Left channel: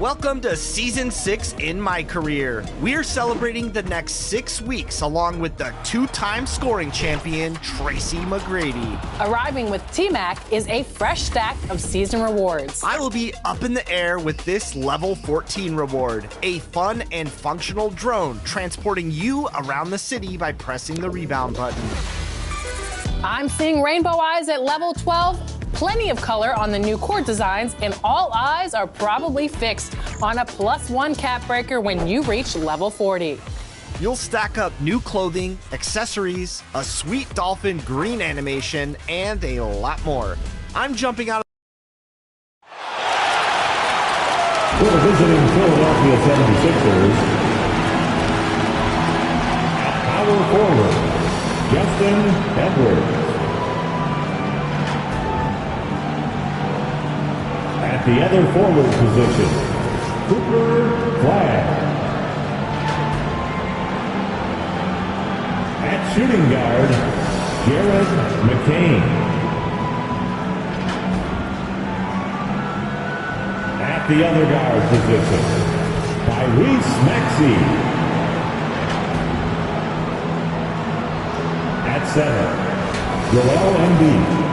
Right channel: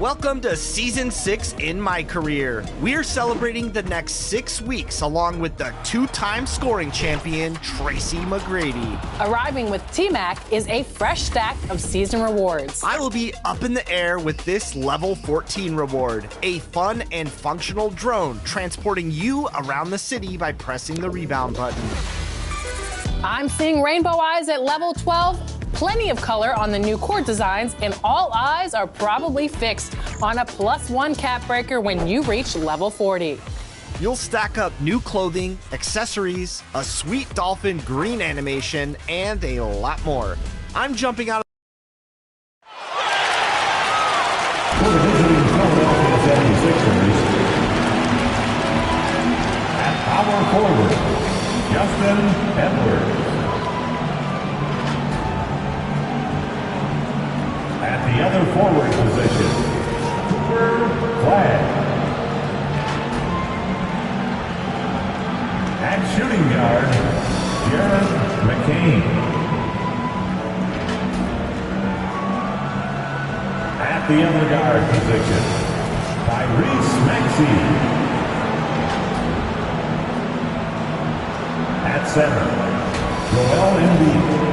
Welcome to Season 6 in my career. We're celebrating the next 6 weeks along with the two-time scoring champion, Tracy McGrady. Arriving with T-Mac is a fresh stack of season rewards. I will be up in the air with this Level 14 reward, a fun and functional drone transporting you around the city by pressing the rebound button. I'm seeing rainbow eyes at Level 12. Plenty of color on the new court designs, and all eyes are probably fixed on a +1 cap breaker when you reach Level 40. You'll stack up new clothing, accessories, a sweet dolphin green animation, and a lot more. I'm jumping out of For the visiting Philadelphia 76ers, at power forward, Justin Edwards. At the other forward position, Cooper Flagg. At shooting guard, Jared McCain. At the other guard position, Tyrese Maxey. At center, Joel Embiid.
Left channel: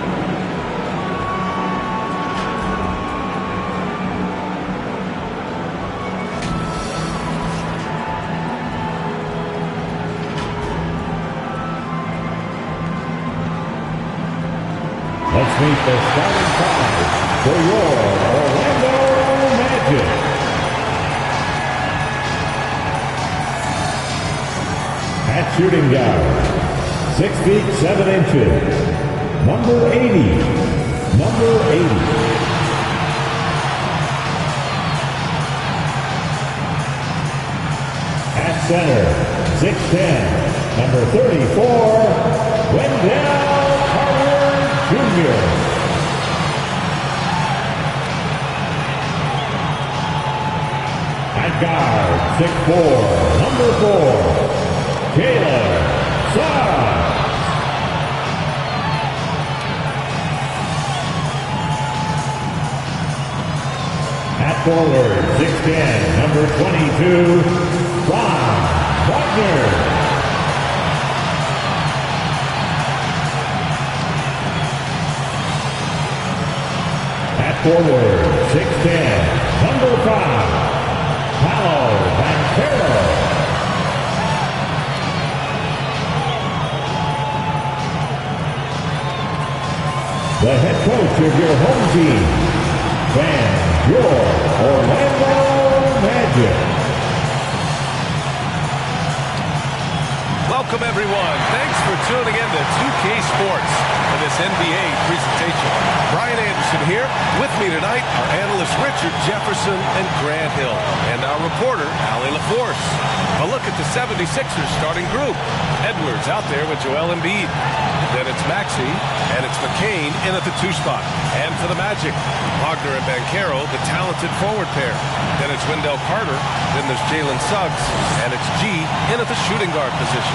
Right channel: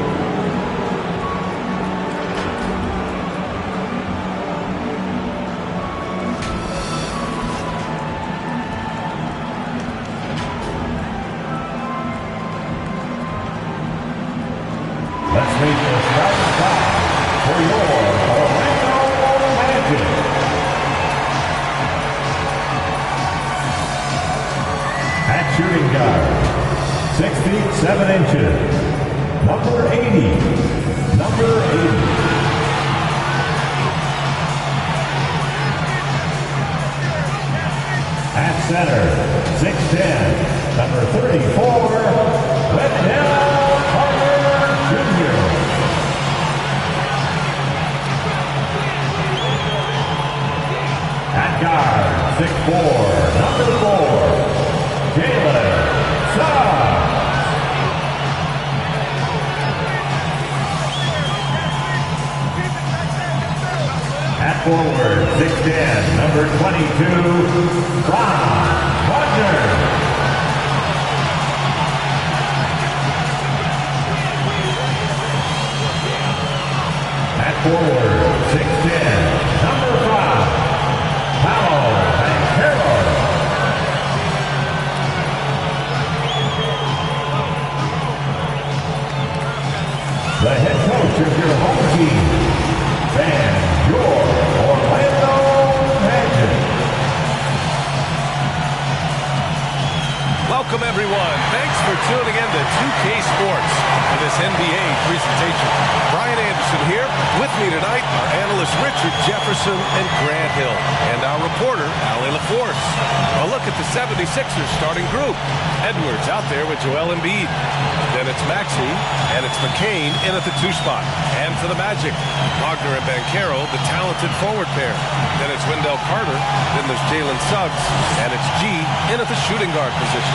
Let's meet the starting five for your Orlando Magic. At shooting guard, 6 feet 7 inches, number 80. At center, 6'10", number 34, Wendell Carter Jr. At guard, 6'4", number 4, Jalen Suggs. At forward, 6'10", number 22, Ron Wagner. Forward, 6'10", number 5, Paolo Banchero. The head coach of your home team, and your Orlando Magic. Welcome, everyone. Thanks for tuning in to 2K Sports for this NBA presentation. Brian Anderson here. With me tonight are analysts Richard Jefferson and Grant Hill, and our reporter, Allie LaForce. A look at the 76ers starting group. Edwards out there with Joel Embiid. Then it's Maxey, and it's McCain in at the 2 spot. And for the Magic, Wagner and Banchero, the talented forward pair. Then it's Wendell Carter. Then there's Jalen Suggs, and it's G in at the shooting guard position.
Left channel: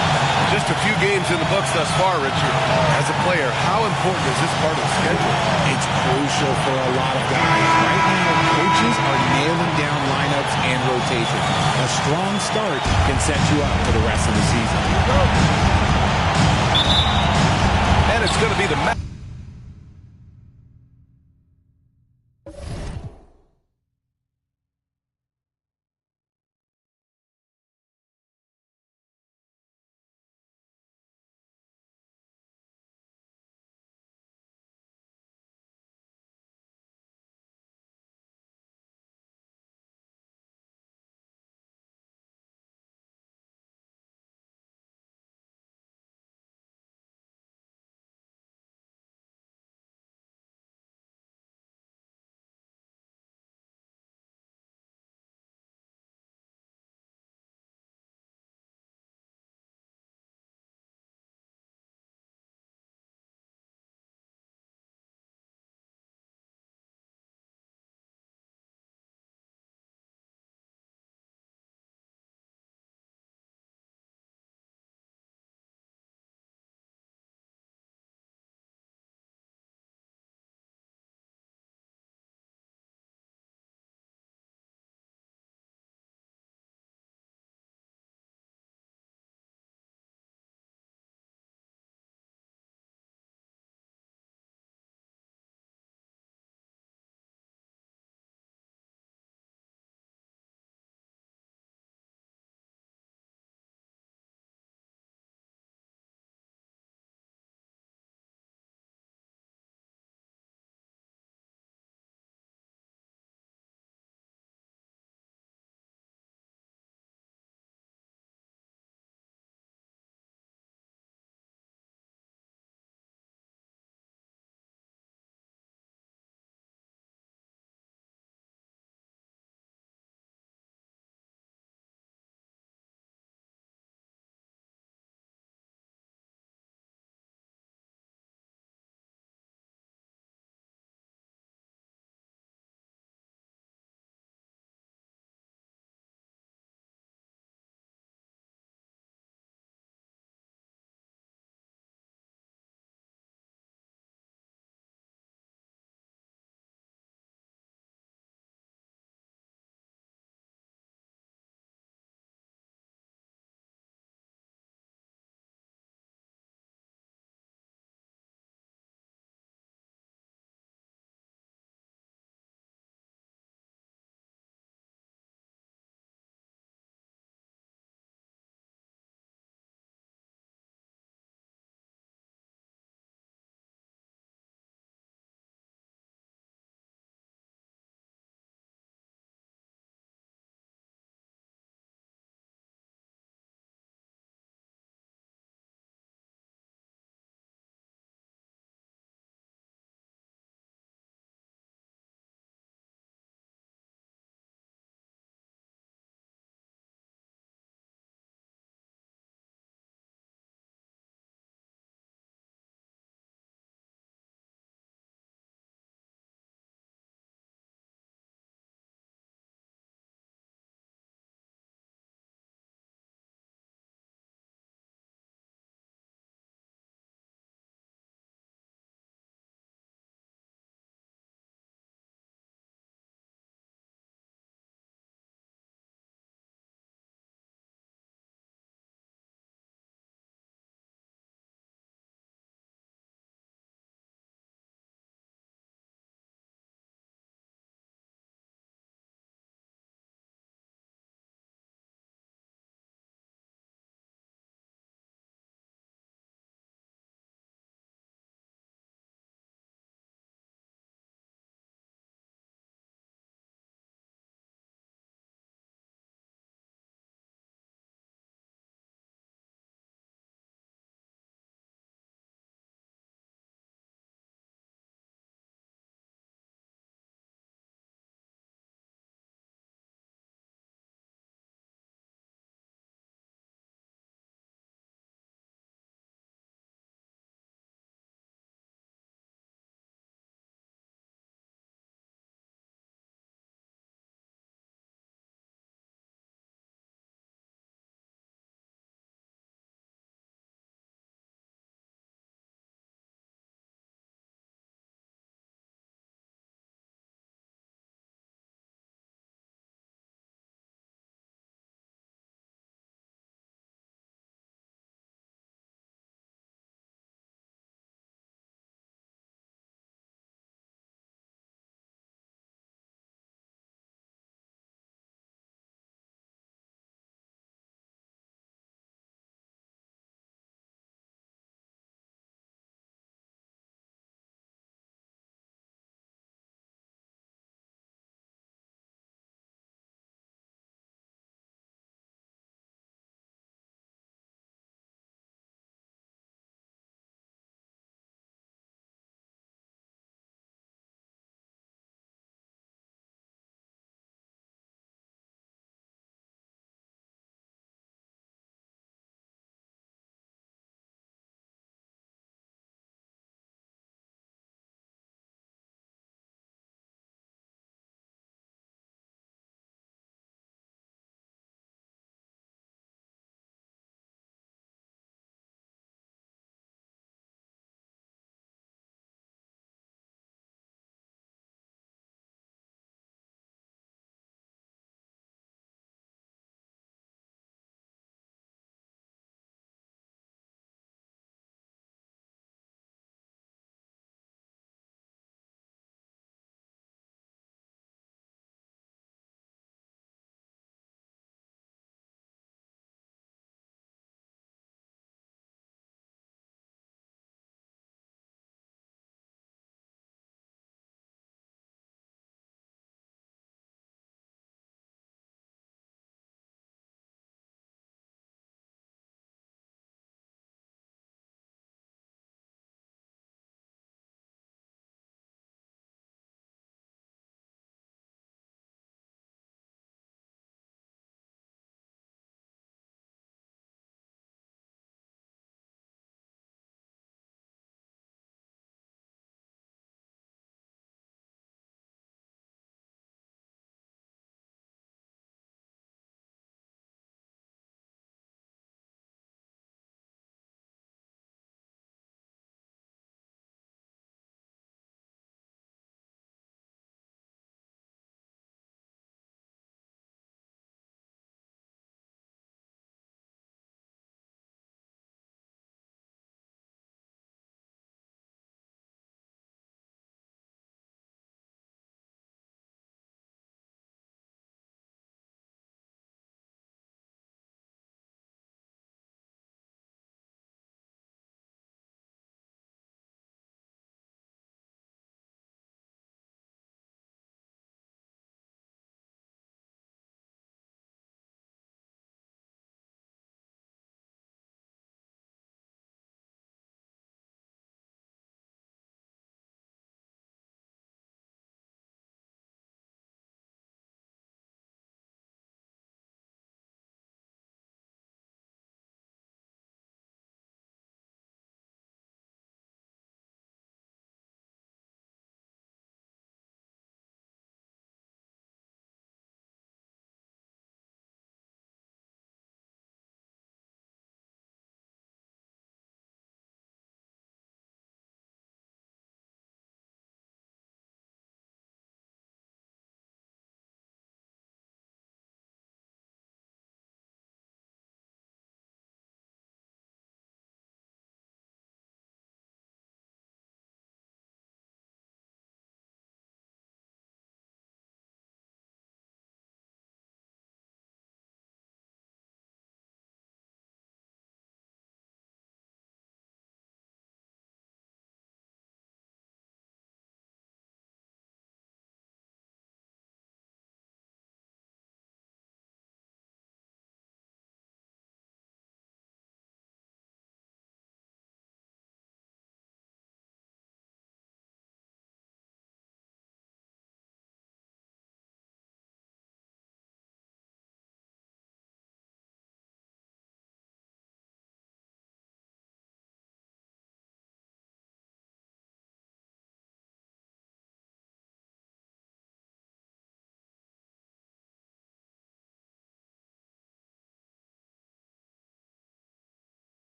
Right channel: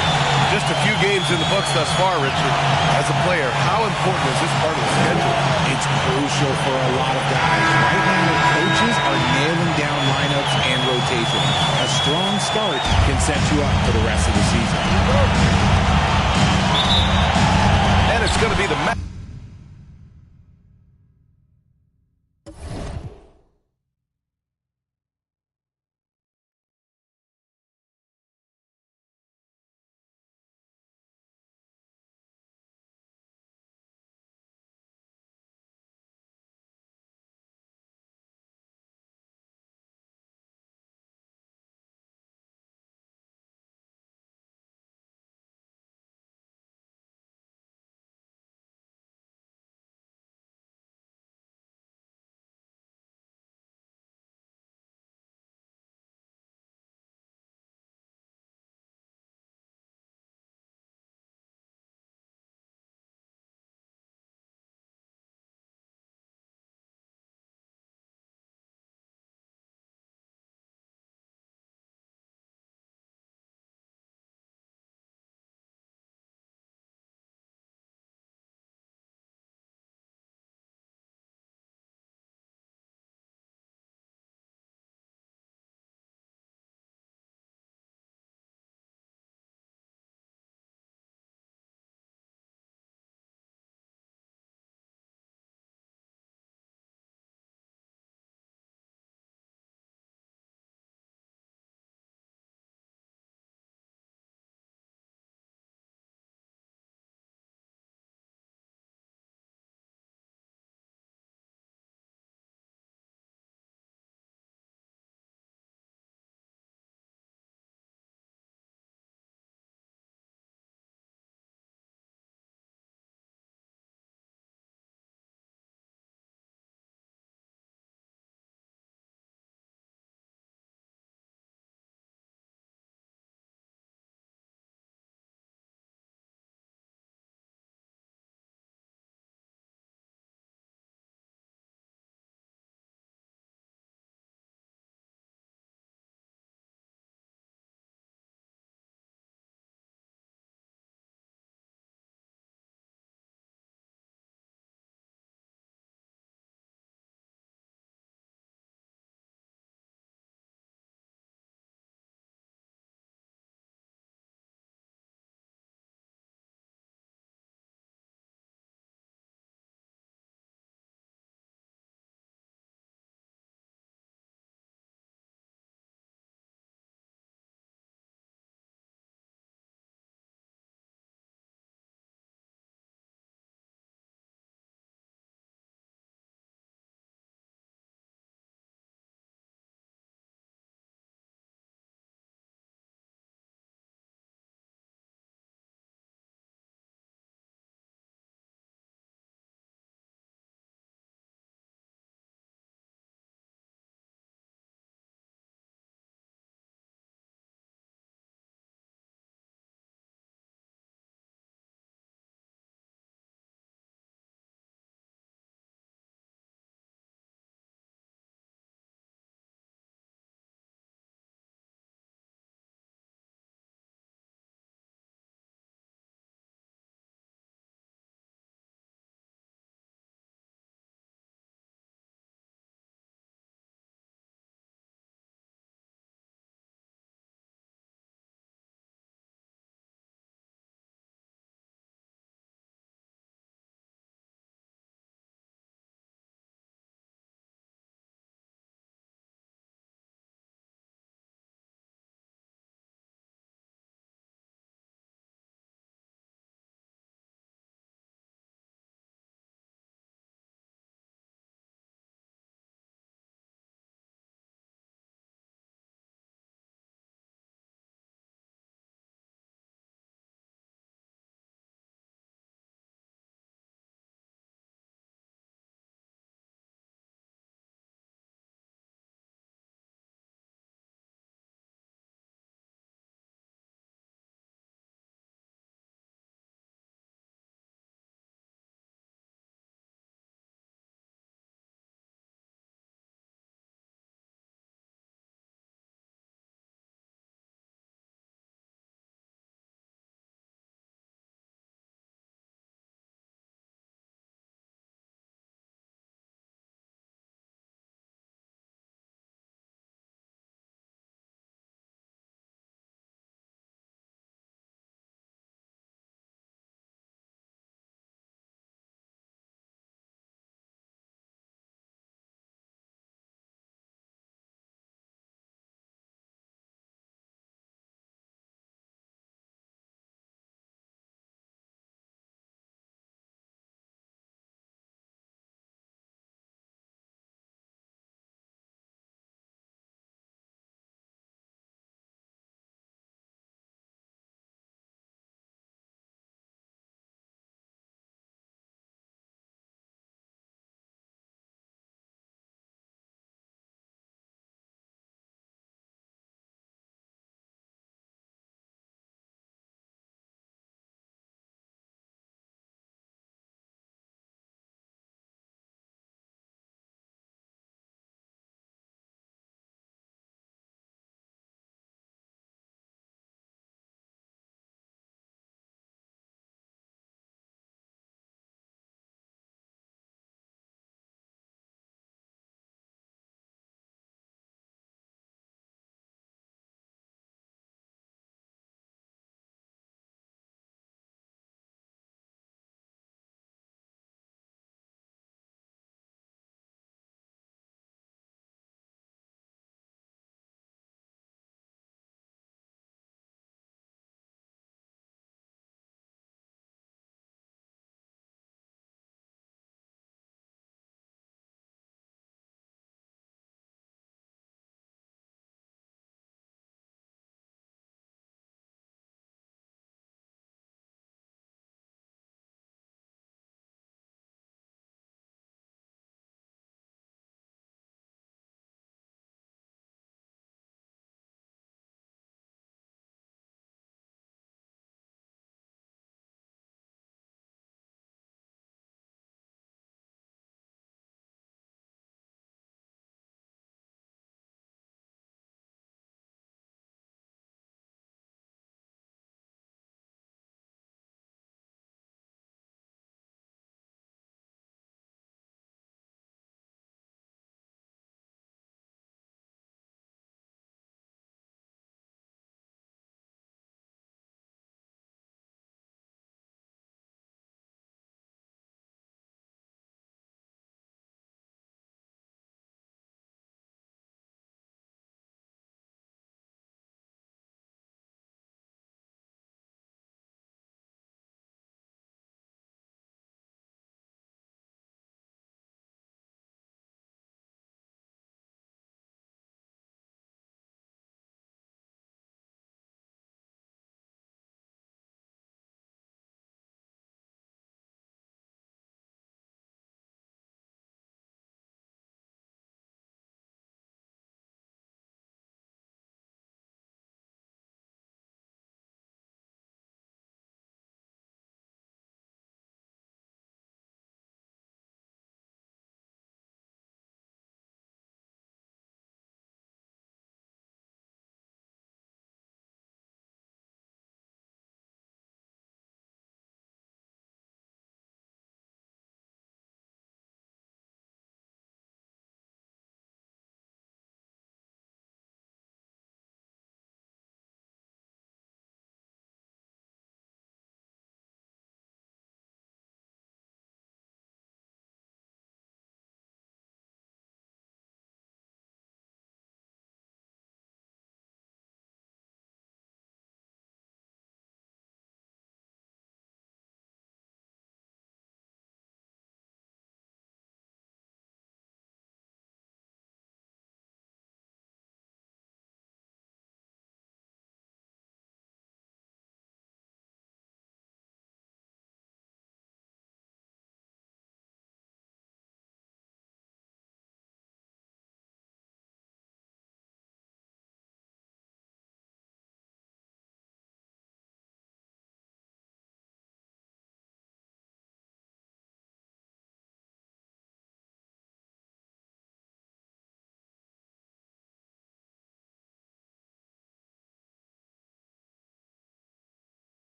Just a few games in the books thus far, Richard. As a player, how important is this part of the schedule? It's crucial for a lot of guys. Right now, coaches are nailing down lineups and rotations. A strong start can set you up for the rest of the season. And it's going to be the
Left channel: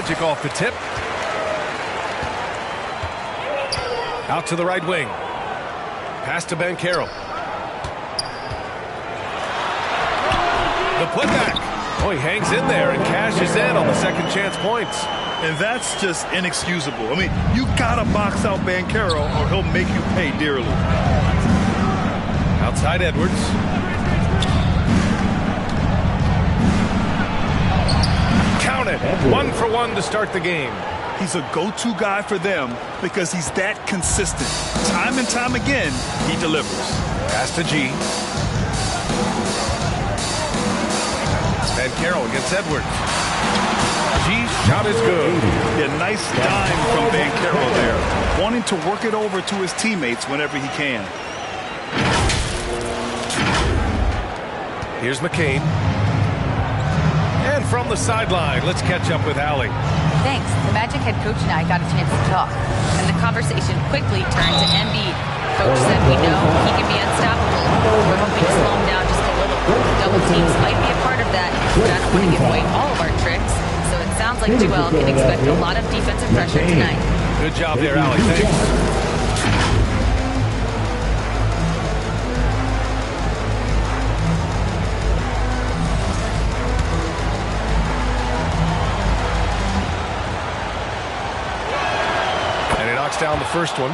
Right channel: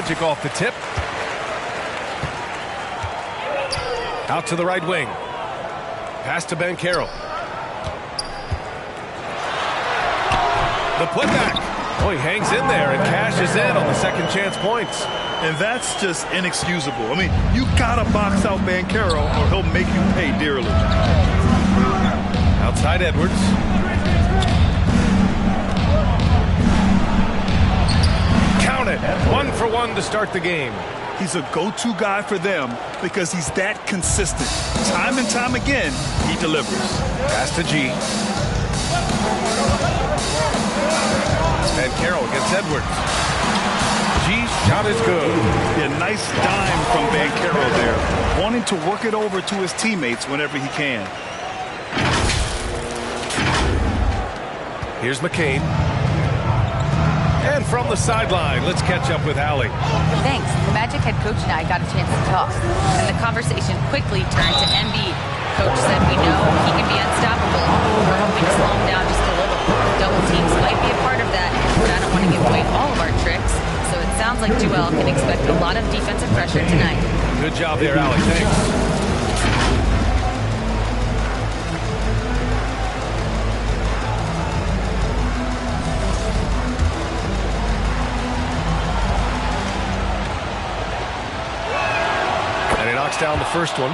Magic off the tip. Out to the right wing. Pass to Banchero. The putback. Oh, he hangs in there and cashes in on the second chance points. And that's just inexcusable. I mean, you gotta box out Banchero or he'll make you pay dearly. Outside Edwards. Count it. 1 for 1 to start the game. He's a go-to guy for them because he's that consistent. Time and time again, he delivers. Pass to G. Banchero against Edwards. G's shot is good. Yeah, nice dime from Banchero there, wanting to work it over to his teammates whenever he can. Here's McCain. And from the sideline, let's catch up with Allie. Thanks. The Magic head coach and I got a chance to talk, and the conversation quickly turned to Embiid. Coach said we know he can be unstoppable. We're hoping to slow him down just a little. Double teams might be a part of that, but I don't want to give away all of our tricks. So it sounds like Joel can expect a lot of defensive pressure tonight. Good job there, Allie. Thanks. And he knocks down the first one.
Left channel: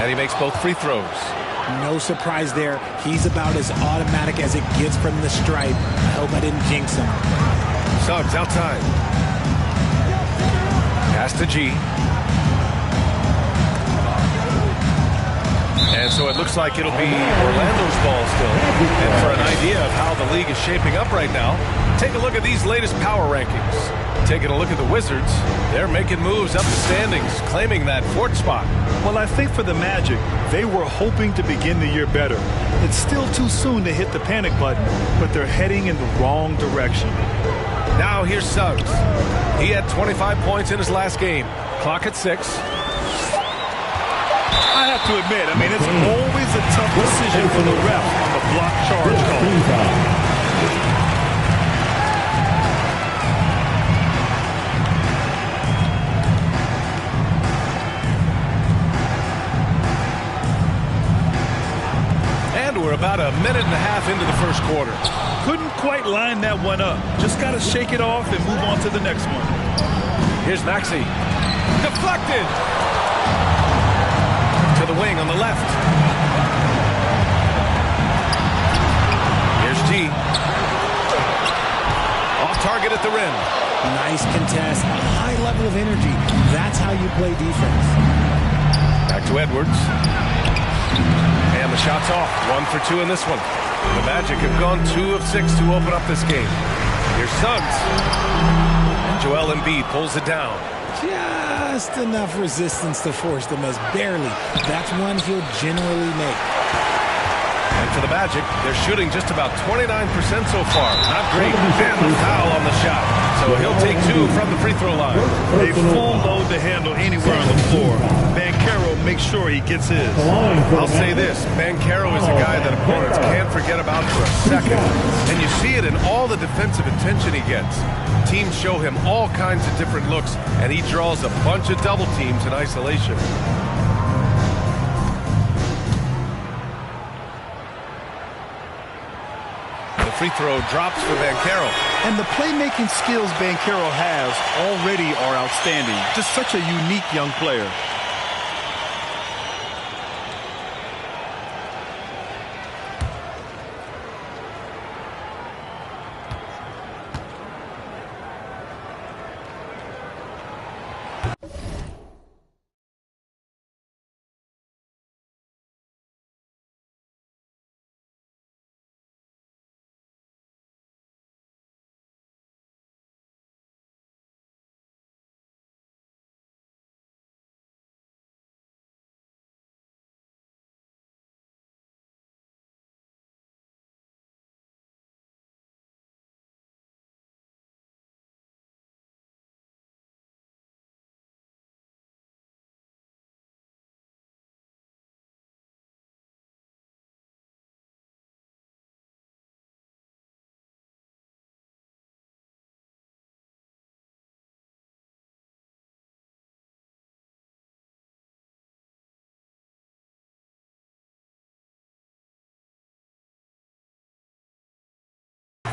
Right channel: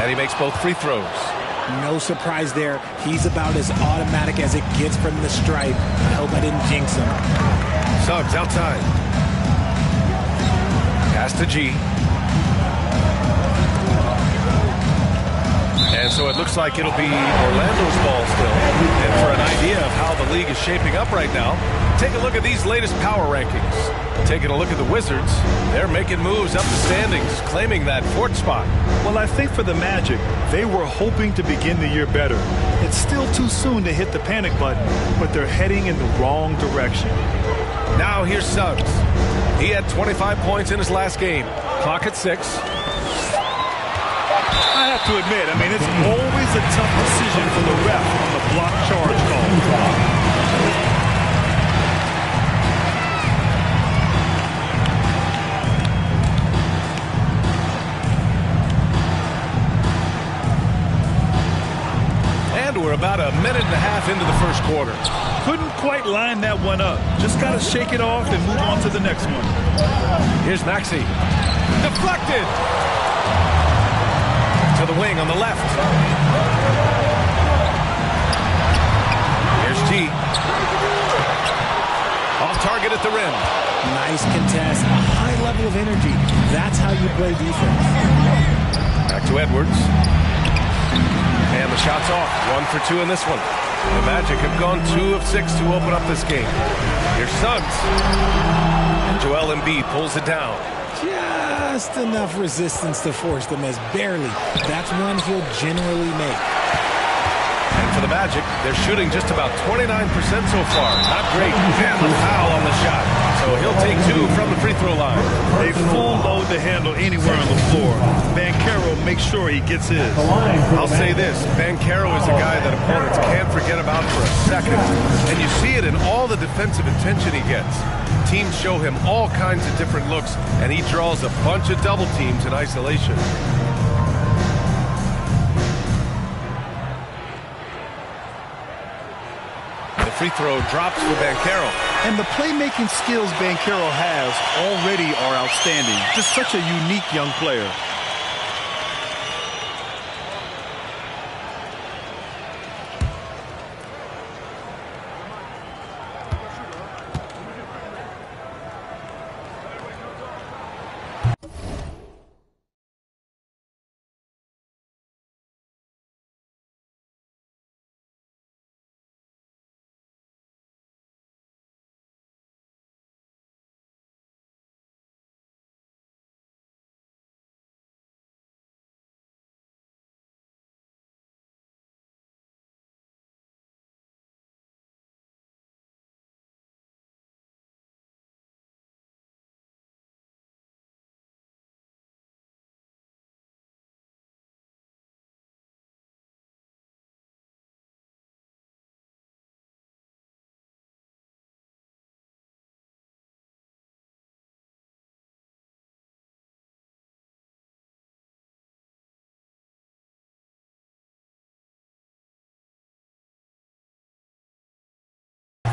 And he makes both free throws. No surprise there. He's about as automatic as it gets from the stripe. I hope I didn't jinx him. Suggs outside. Pass to G. And so it looks like it'll be Orlando's ball still. And for an idea of how the league is shaping up right now, take a look at these latest power rankings. Taking a look at the Wizards, they're making moves up the standings, claiming that fourth spot. Well, I think for the Magic, they were hoping to begin the year better. It's still too soon to hit the panic button, but they're heading in the wrong direction. Now here's Suggs. He had 25 points in his last game. Clock at 6. I have to admit, I mean, it's always a tough decision for the ref on the block charge call. And we're about a minute and a half into the first quarter. Couldn't quite line that one up. Just got to shake it off and move on to the next one. Here's Maxey. Deflected. To the wing on the left. Here's G. Off target at the rim. Nice contest, a high level of energy. That's how you play defense. Back to Edwards. And the shot's off. 1 for 2 in this one. The Magic have gone 2 of 6 to open up this game. Here's Suggs. And Joel Embiid pulls it down. Just enough resistance to force them as barely. That's one he'll generally make. And for the Magic, they're shooting just about 29% so far. Not great. And the foul on the shot. So he'll take 2 from the free throw line. A full load to handle anywhere on the floor. Banchero makes sure he gets his. I'll say this. Banchero is a guy that opponents can't forget about for a second. And you see it in all the defensive attention he gets. Teams show him all kinds of different looks, and he draws a bunch of double teams in isolation. The free throw drops for Banchero. And the playmaking skills Banchero has already are outstanding. Just such a unique young player.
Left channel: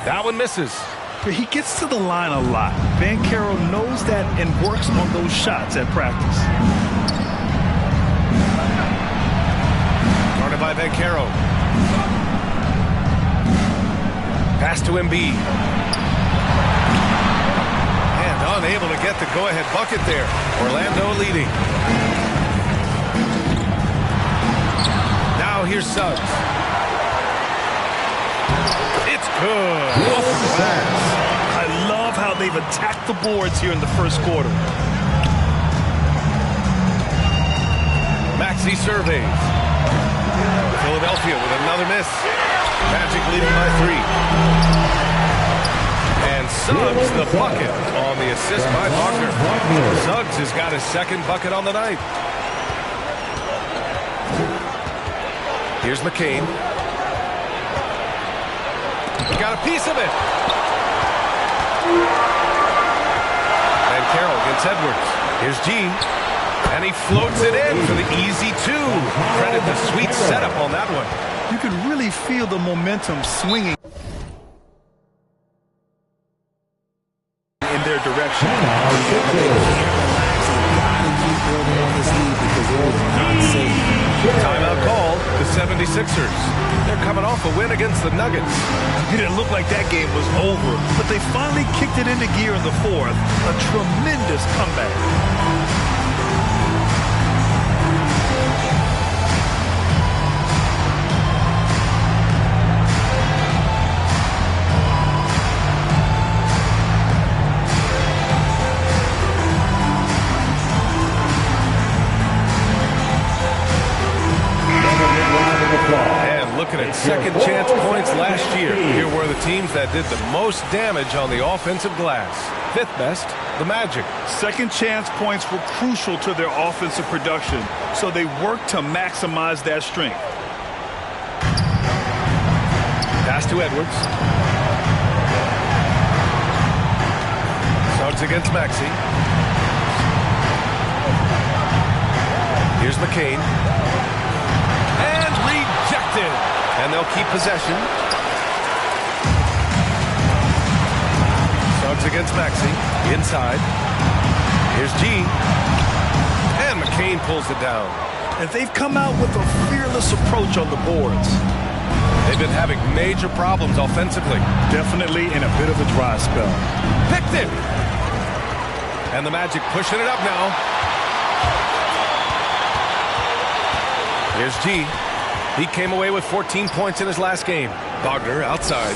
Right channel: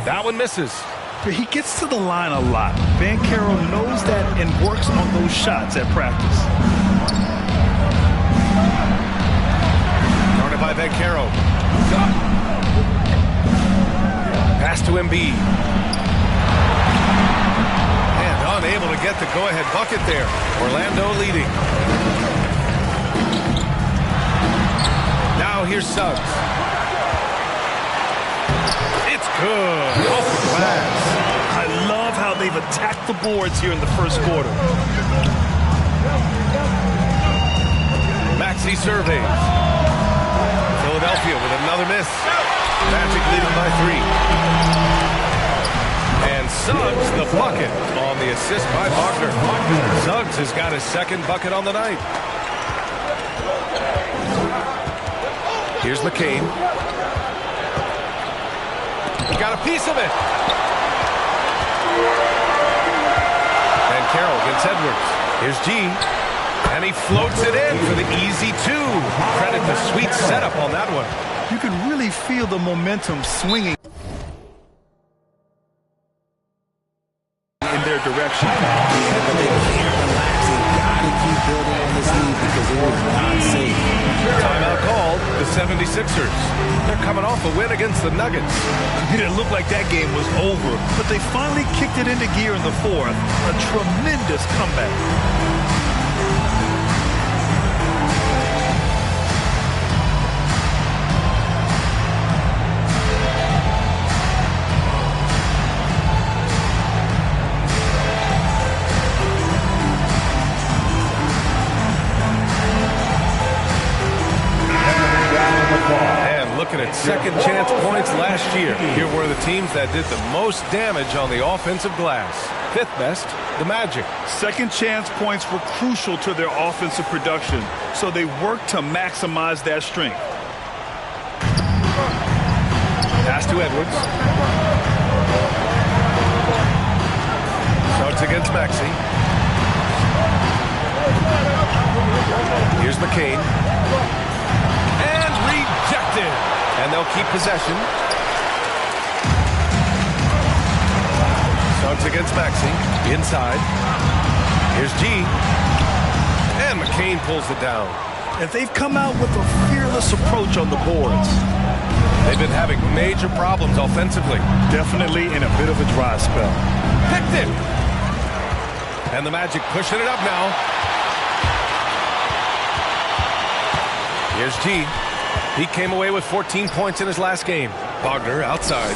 That one misses. He gets to the line a lot. Banchero knows that and works on those shots at practice. Guarded by Banchero. Pass to Embiid. And unable to get the go-ahead bucket there. Orlando leading. Now here's Suggs. It's good. Off the glass. I love how they've attacked the boards here in the first quarter. Maxey surveys. Philadelphia with another miss. Magic leading by 3. And Suggs the bucket on the assist by Wagner. Suggs has got his second bucket on the night. Here's McCain. He got a piece of it. And Carroll against Edwards. Here's G. And he floats it in for the easy 2. Credit the sweet setup on that one. You can really feel the momentum swinging in their direction. Yeah, but they can't relax. They've got to keep building on this lead because it is not safe. Timeout called, the 76ers. They're coming off a win against the Nuggets. It didn't look like that game was over, but they finally kicked it into gear in the fourth. A tremendous comeback. And looking at second chance points last year, here were the teams that did the most damage on the offensive glass. Fifth best, the Magic. Second chance points were crucial to their offensive production, so they worked to maximize that strength. Pass to Edwards. Suggs against Maxey. Here's McCain. And rejected. And they'll keep possession. Suggs against Maxey. Inside. Here's G. And McCain pulls it down. And they've come out with a fearless approach on the boards. They've been having major problems offensively. Definitely in a bit of a dry spell. Picked it. And the Magic pushing it up now. Here's G. He came away with 14 points in his last game. Wagner outside.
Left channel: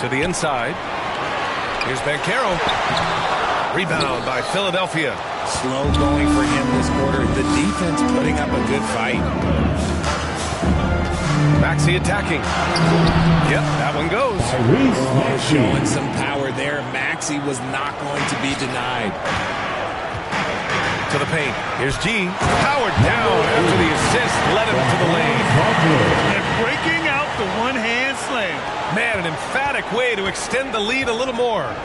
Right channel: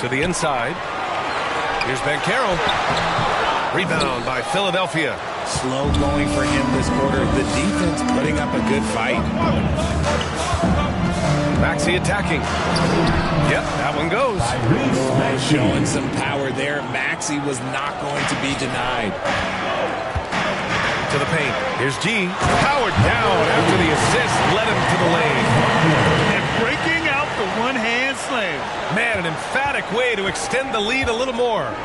To the inside. Here's Banchero. Rebound by Philadelphia. Slow going for him this quarter. The defense putting up a good fight. Maxey attacking. Yep, that one goes. Oh, showing some power there. Maxey was not going to be denied. To the paint. Here's G. Powered down after the assist led him to the lane. And breaking out the one-hand slam. Man, an emphatic way to extend the lead a little more.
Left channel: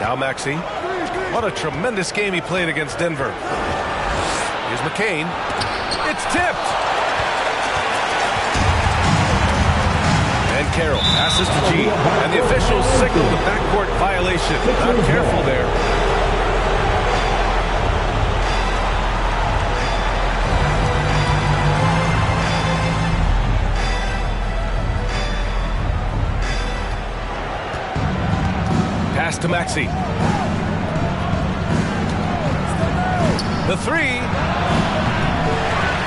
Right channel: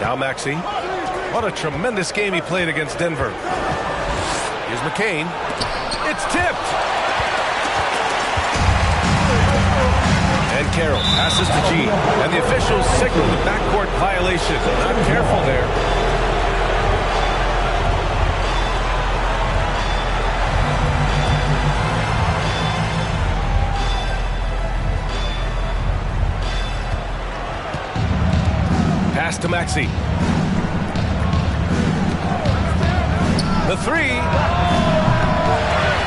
Now Maxey. What a tremendous game he played against Denver. Here's McCain. It's tipped. And Carroll passes to G. And the officials signal the backcourt violation. Not careful there. Pass to Maxey. The three.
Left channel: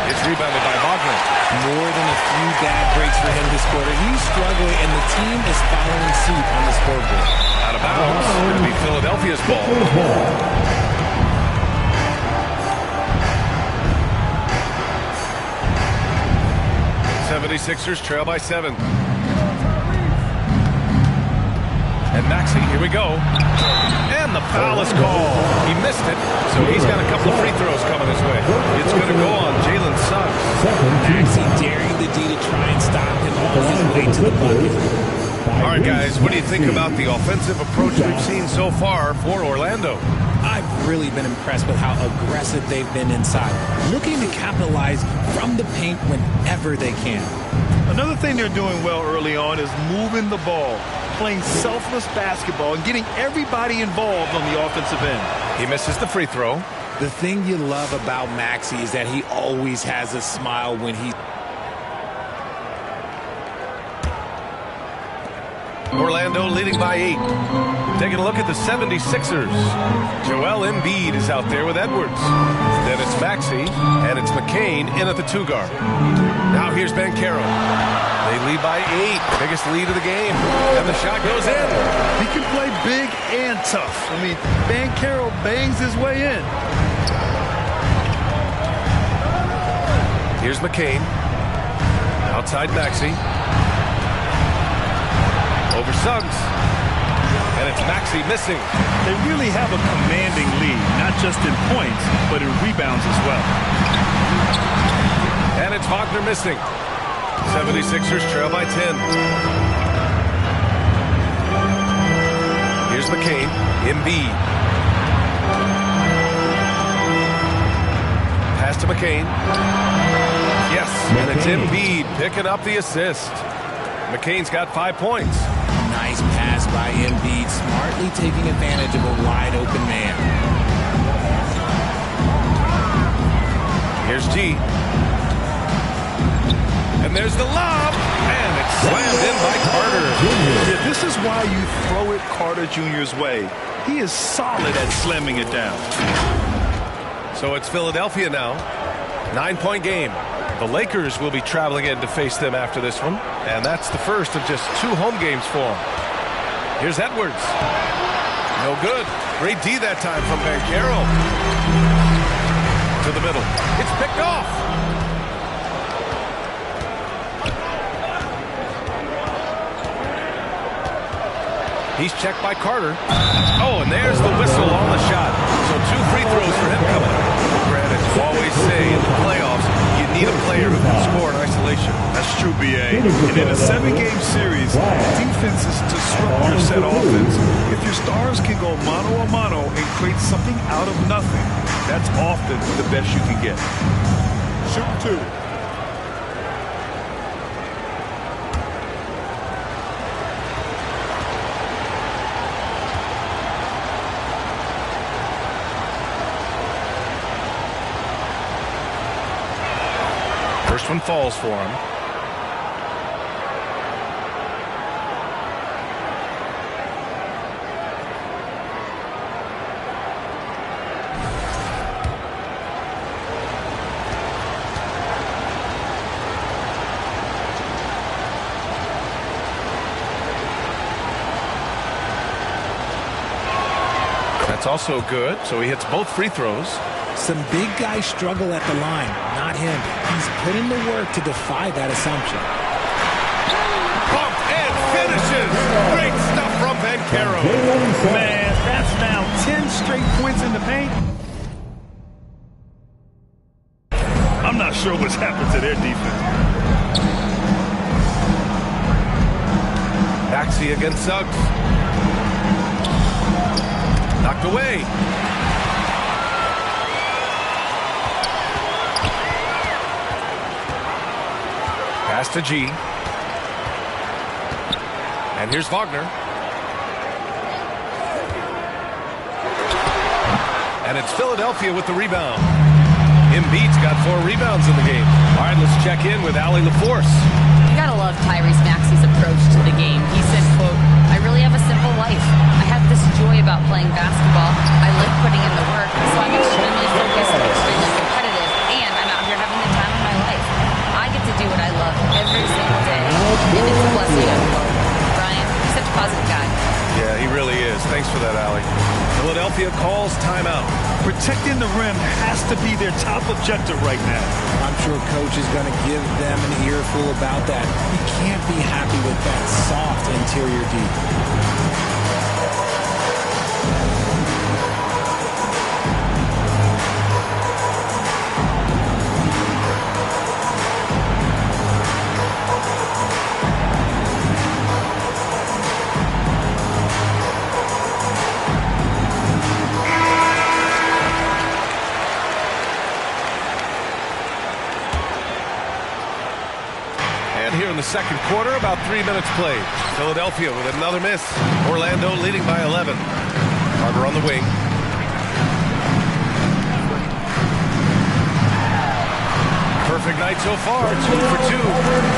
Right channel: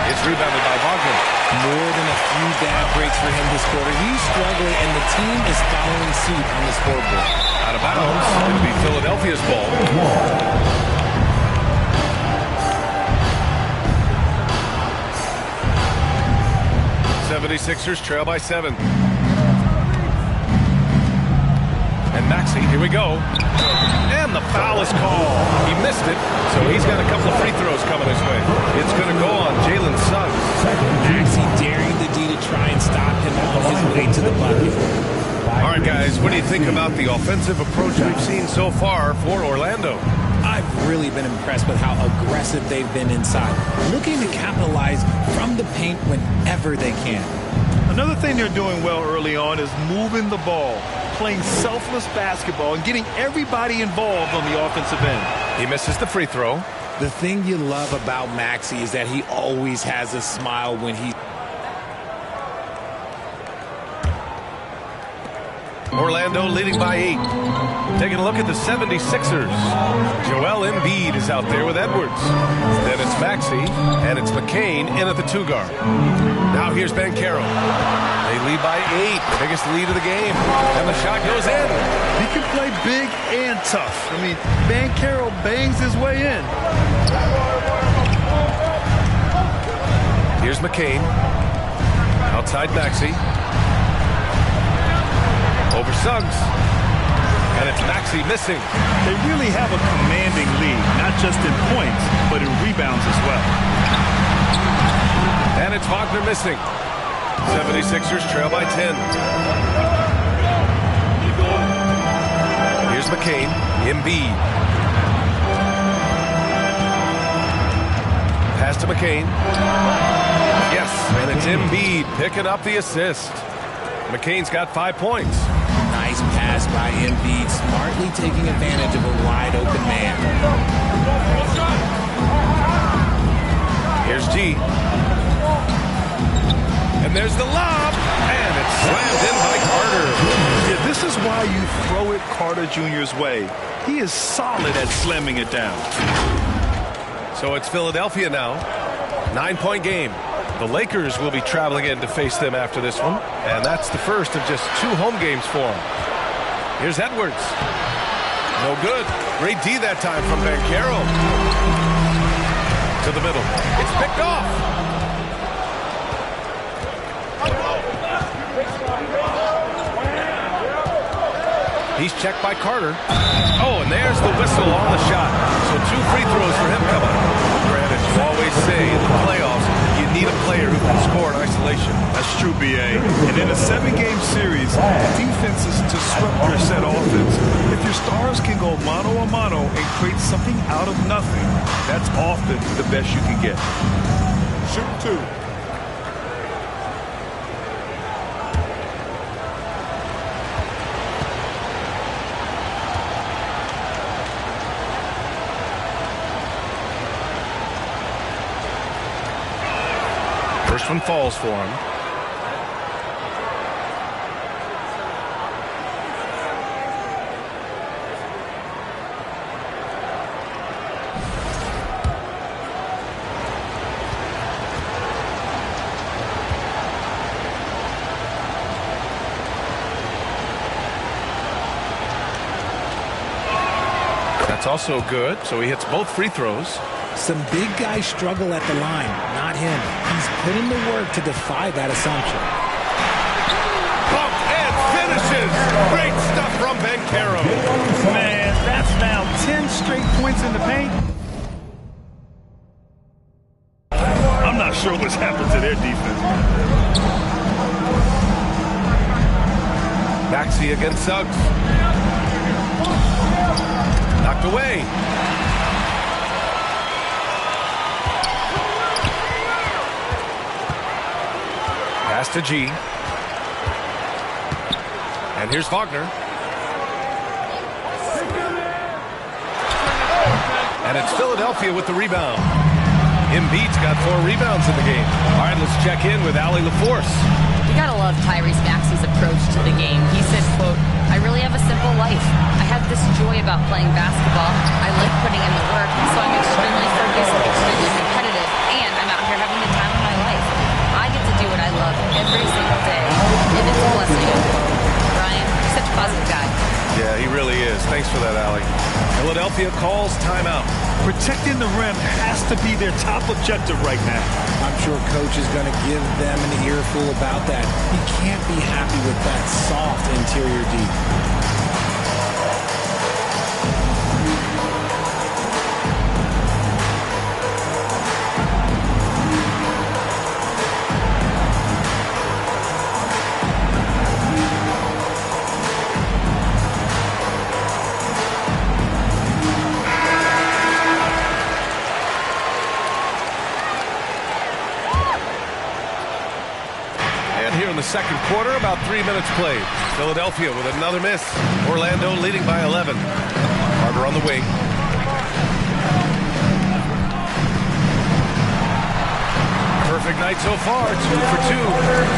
It's rebounded by Wagner. More than a few bad breaks for him this quarter. He's struggling, and the team is following suit on the scoreboard. Out of bounds. It'll be Philadelphia's ball. 76ers trail by 7. And Maxey, here we go. And the foul is called. He missed it, so he's got a couple of free throws coming his way. It's going to go on Jalen Suggs. Maxey daring the D to try and stop him on his way to the bucket. All right, guys, what do you think about the offensive approach we've seen so far for Orlando? I've really been impressed with how aggressive they've been inside, looking to capitalize from the paint whenever they can. Another thing they're doing well early on is moving the ball, playing selfless basketball, and getting everybody involved on the offensive end. He misses the free throw. The thing you love about Maxey is that he always has a smile when he... Orlando leading by 8. Taking a look at the 76ers. Joel Embiid is out there with Edwards. Then it's Maxey, and it's McCain in at the 2 guard. Now here's Banchero. They lead by 8, biggest lead of the game. And the shot goes in. He can play big and tough. I mean, Banchero bangs his way in. Here's McCain. Outside Maxey. Over Suggs. And it's Maxey missing. They really have a commanding lead, not just in points, but in rebounds as well. And it's Wagner missing. 76ers trail by 10. Here's McCain. Embiid. Pass to McCain. Yes, and it's Embiid picking up the assist. McCain's got 5 points. Nice pass by Embiid, smartly taking advantage of a wide-open man. Here's G. And there's the lob, and it's slammed in by Carter. Yeah, this is why you throw it Carter Jr.'s way. He is solid at slamming it down. So it's Philadelphia now. 9-point game. The Lakers will be traveling in to face them after this one, and that's the first of just 2 home games for them. Here's Edwards. No good. Great D that time from Banchero. To the middle. It's picked off. He's checked by Carter. Oh, and there's the whistle on the shot. So 2 free throws for him coming up. Granted, you always say in the playoffs, you need a player who can score in isolation. That's true, B.A. And in a 7-game series, defense is to disrupt your set offense. If your stars can go mano-a-mano and create something out of nothing, that's often the best you can get. Shooting 2. First one falls for him. That's also good, so he hits both free throws. Some big guys struggle at the line, not him. He's put in the work to defy that assumption. Bumped and finishes. Great stuff from Banchero. Man, that's now 10 straight points in the paint. I'm not sure what's happened to their defense. Maxey against Suggs. Knocked away. Pass to G. And here's Wagner. And it's Philadelphia with the rebound. Embiid's got 4 rebounds in the game. All right, let's check in with Allie LaForce. You gotta love Tyrese Maxey's approach to the game. He said, quote, "I really have a simple life. I have this joy about playing basketball. I like putting in the work, so I'm extremely focused, extremely competitive, and I'm out here having the time of my life. I get to do what I love every single day, and it's a blessing," unquote. Brian, he's such a positive guy. Yeah, he really is. Thanks for that, Allie. Philadelphia calls timeout. Protecting the rim has to be their top objective right now. I'm sure coach is going to give them an earful about that. He can't be happy with that soft interior D. Here in the second quarter, about 3 minutes played. Philadelphia with another miss. Orlando leading by 11. Carter on the wing. Perfect night so far, 2 for 2.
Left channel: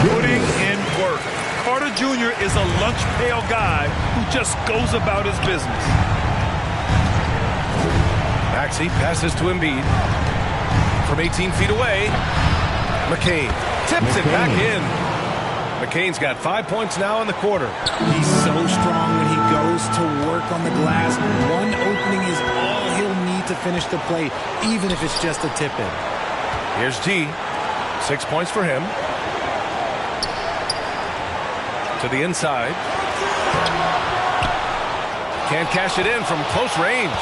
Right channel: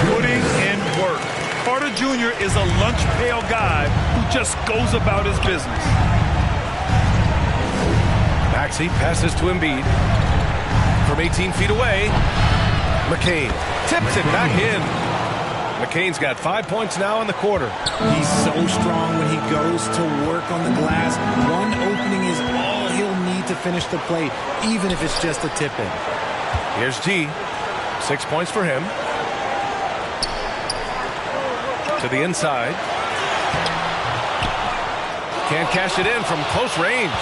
Putting in work. Carter Jr. is a lunch pail guy who just goes about his business. Maxey passes to Embiid. From 18 feet away, McCain tips it back in. McCain's got 5 points now in the quarter. He's so strong when he goes to work on the glass. One opening is all he'll need to finish the play, even if it's just a tip-in. Here's G. 6 points for him. To the inside. Can't cash it in from close range.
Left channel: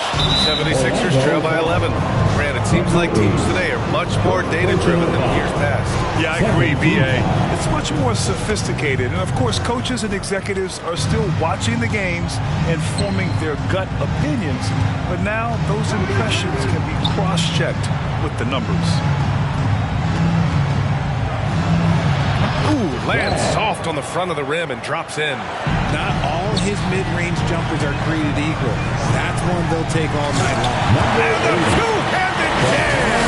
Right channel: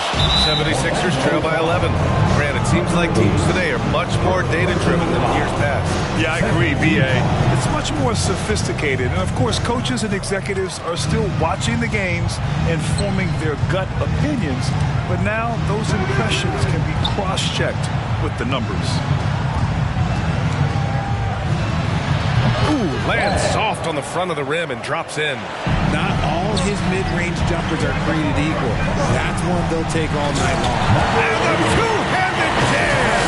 76ers trail by 11. Grant, it seems like teams today are much more data-driven than years past. Yeah, I agree, B.A. It's much more sophisticated. And, of course, coaches and executives are still watching the games and forming their gut opinions. But now those impressions can be cross-checked with the numbers. Ooh, lands soft on the front of the rim and drops in. Not all his mid-range jumpers are created equal. That's one they'll take all night long. And the two-handed jam!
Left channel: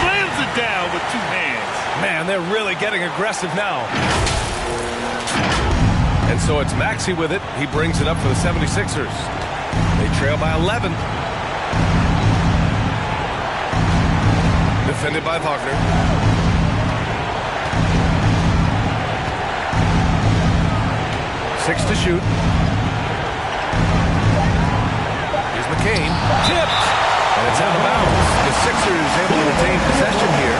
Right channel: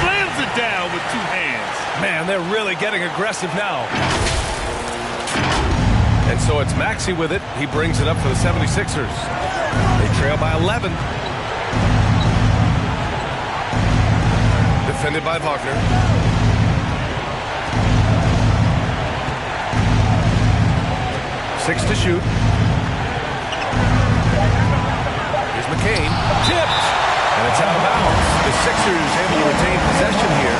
Slams it down with two hands. Man, they're really getting aggressive now. And so it's Maxey with it. He brings it up for the 76ers. They trail by 11. Defended by Wagner. 6 to shoot. Here's McCain. Tipped. And it's out of bounds. The Sixers able to retain possession here.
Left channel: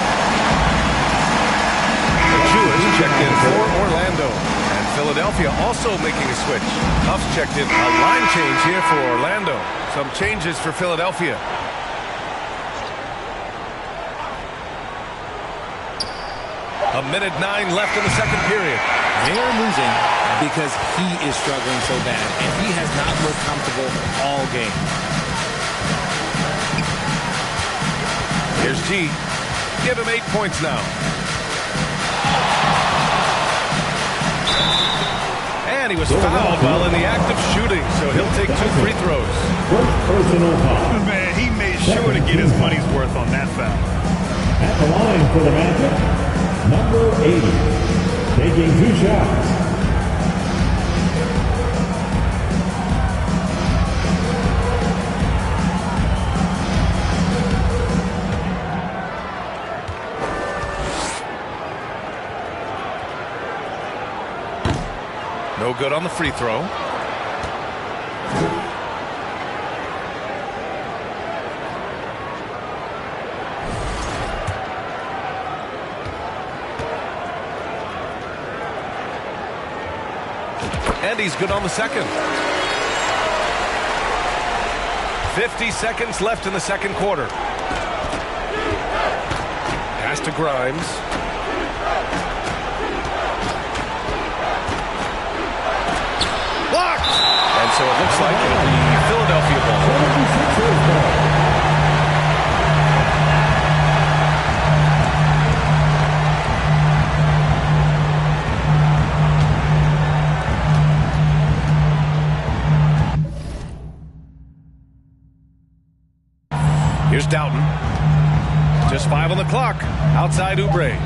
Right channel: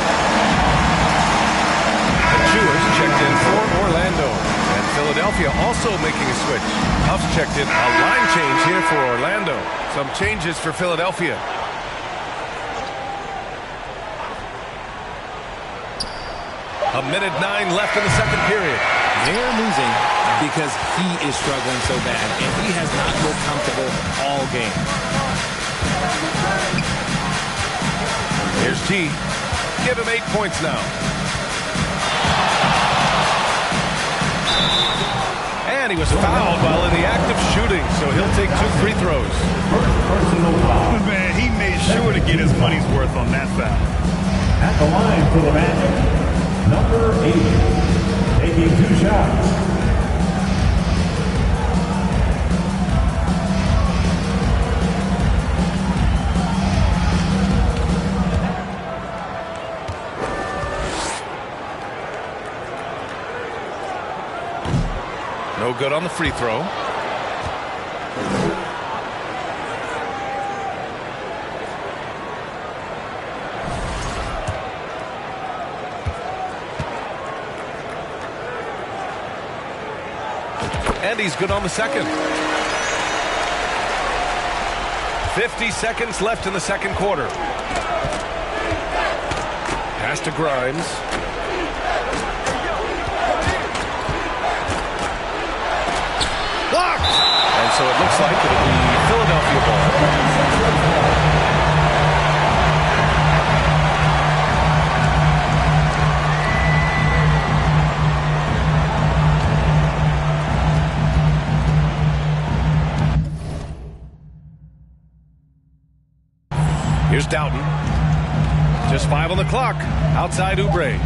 Achua's checked in for Orlando. And Philadelphia also making a switch. Huff's checked in. A line change here for Orlando. Some changes for Philadelphia. A minute 9 left in the second period. They're losing because he is struggling so bad, and he has not looked comfortable all game. Here's G. Give him 8 points now. And he was fouled while in the act of shooting, so he'll take 2 free throws. First personal foul. Man, he made sure to get his money's worth on that foul. At the line for the Magic, number 80, taking 2 shots. No good on the free throw. And he's good on the second. 50 seconds left in the second quarter. Pass to Grimes. Blocked! And so it looks like it'll be Philadelphia ball. Here's Doughton. Just 5 on the clock. Outside Oubre.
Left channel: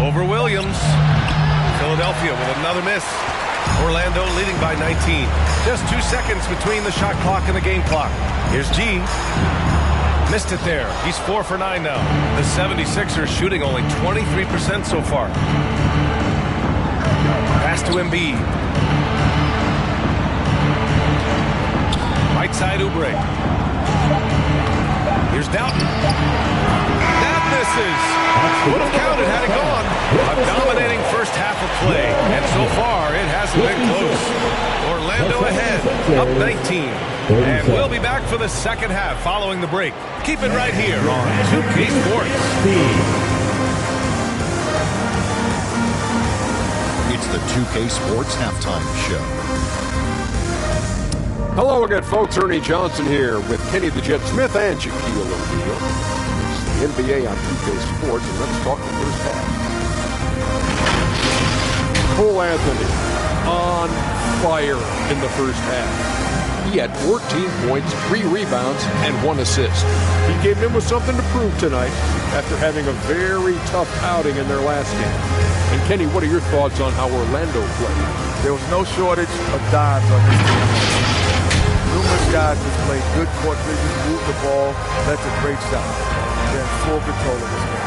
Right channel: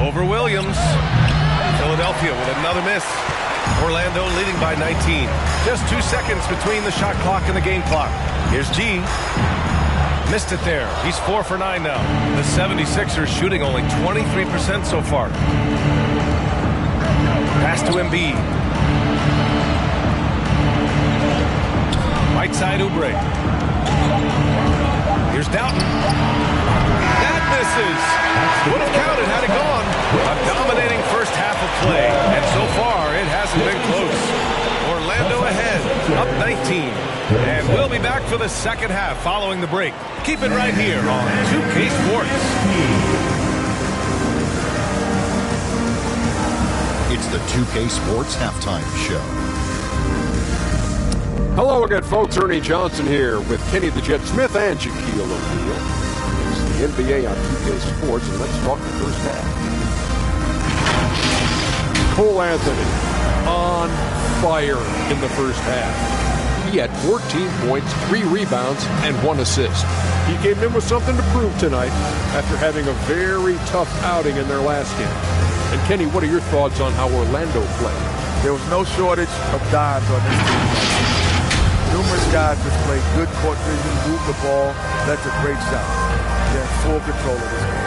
Over Williams. Philadelphia with another miss. Orlando leading by 19. Just 2 seconds between the shot clock and the game clock. Here's G. Missed it there. He's 4 for 9 now. The 76ers shooting only 23% so far. Pass to Embiid. Right side Oubre. Here's Doughton. That misses. Would have counted had it gone. A dominating first half of play. And so far, it hasn't been close. Orlando ahead, up 19. And we'll be back for the second half following the break. Keep it right here on 2K Sports. It's the 2K Sports Halftime Show. Hello again, folks. Ernie Johnson here with Kenny the Jet Smith and Shaquille O'Neal. It's the NBA on 2K Sports, and let's talk the first half. Cole Anthony on fire in the first half. He had 14 points, 3 rebounds, and 1 assist. He came in with something to prove tonight after having a very tough outing in their last game. And Kenny, what are your thoughts on how Orlando played? There was no shortage of dimes on this team. Numerous guys displayed good court vision, moved the ball. That's a great shot. They're in full control of this game.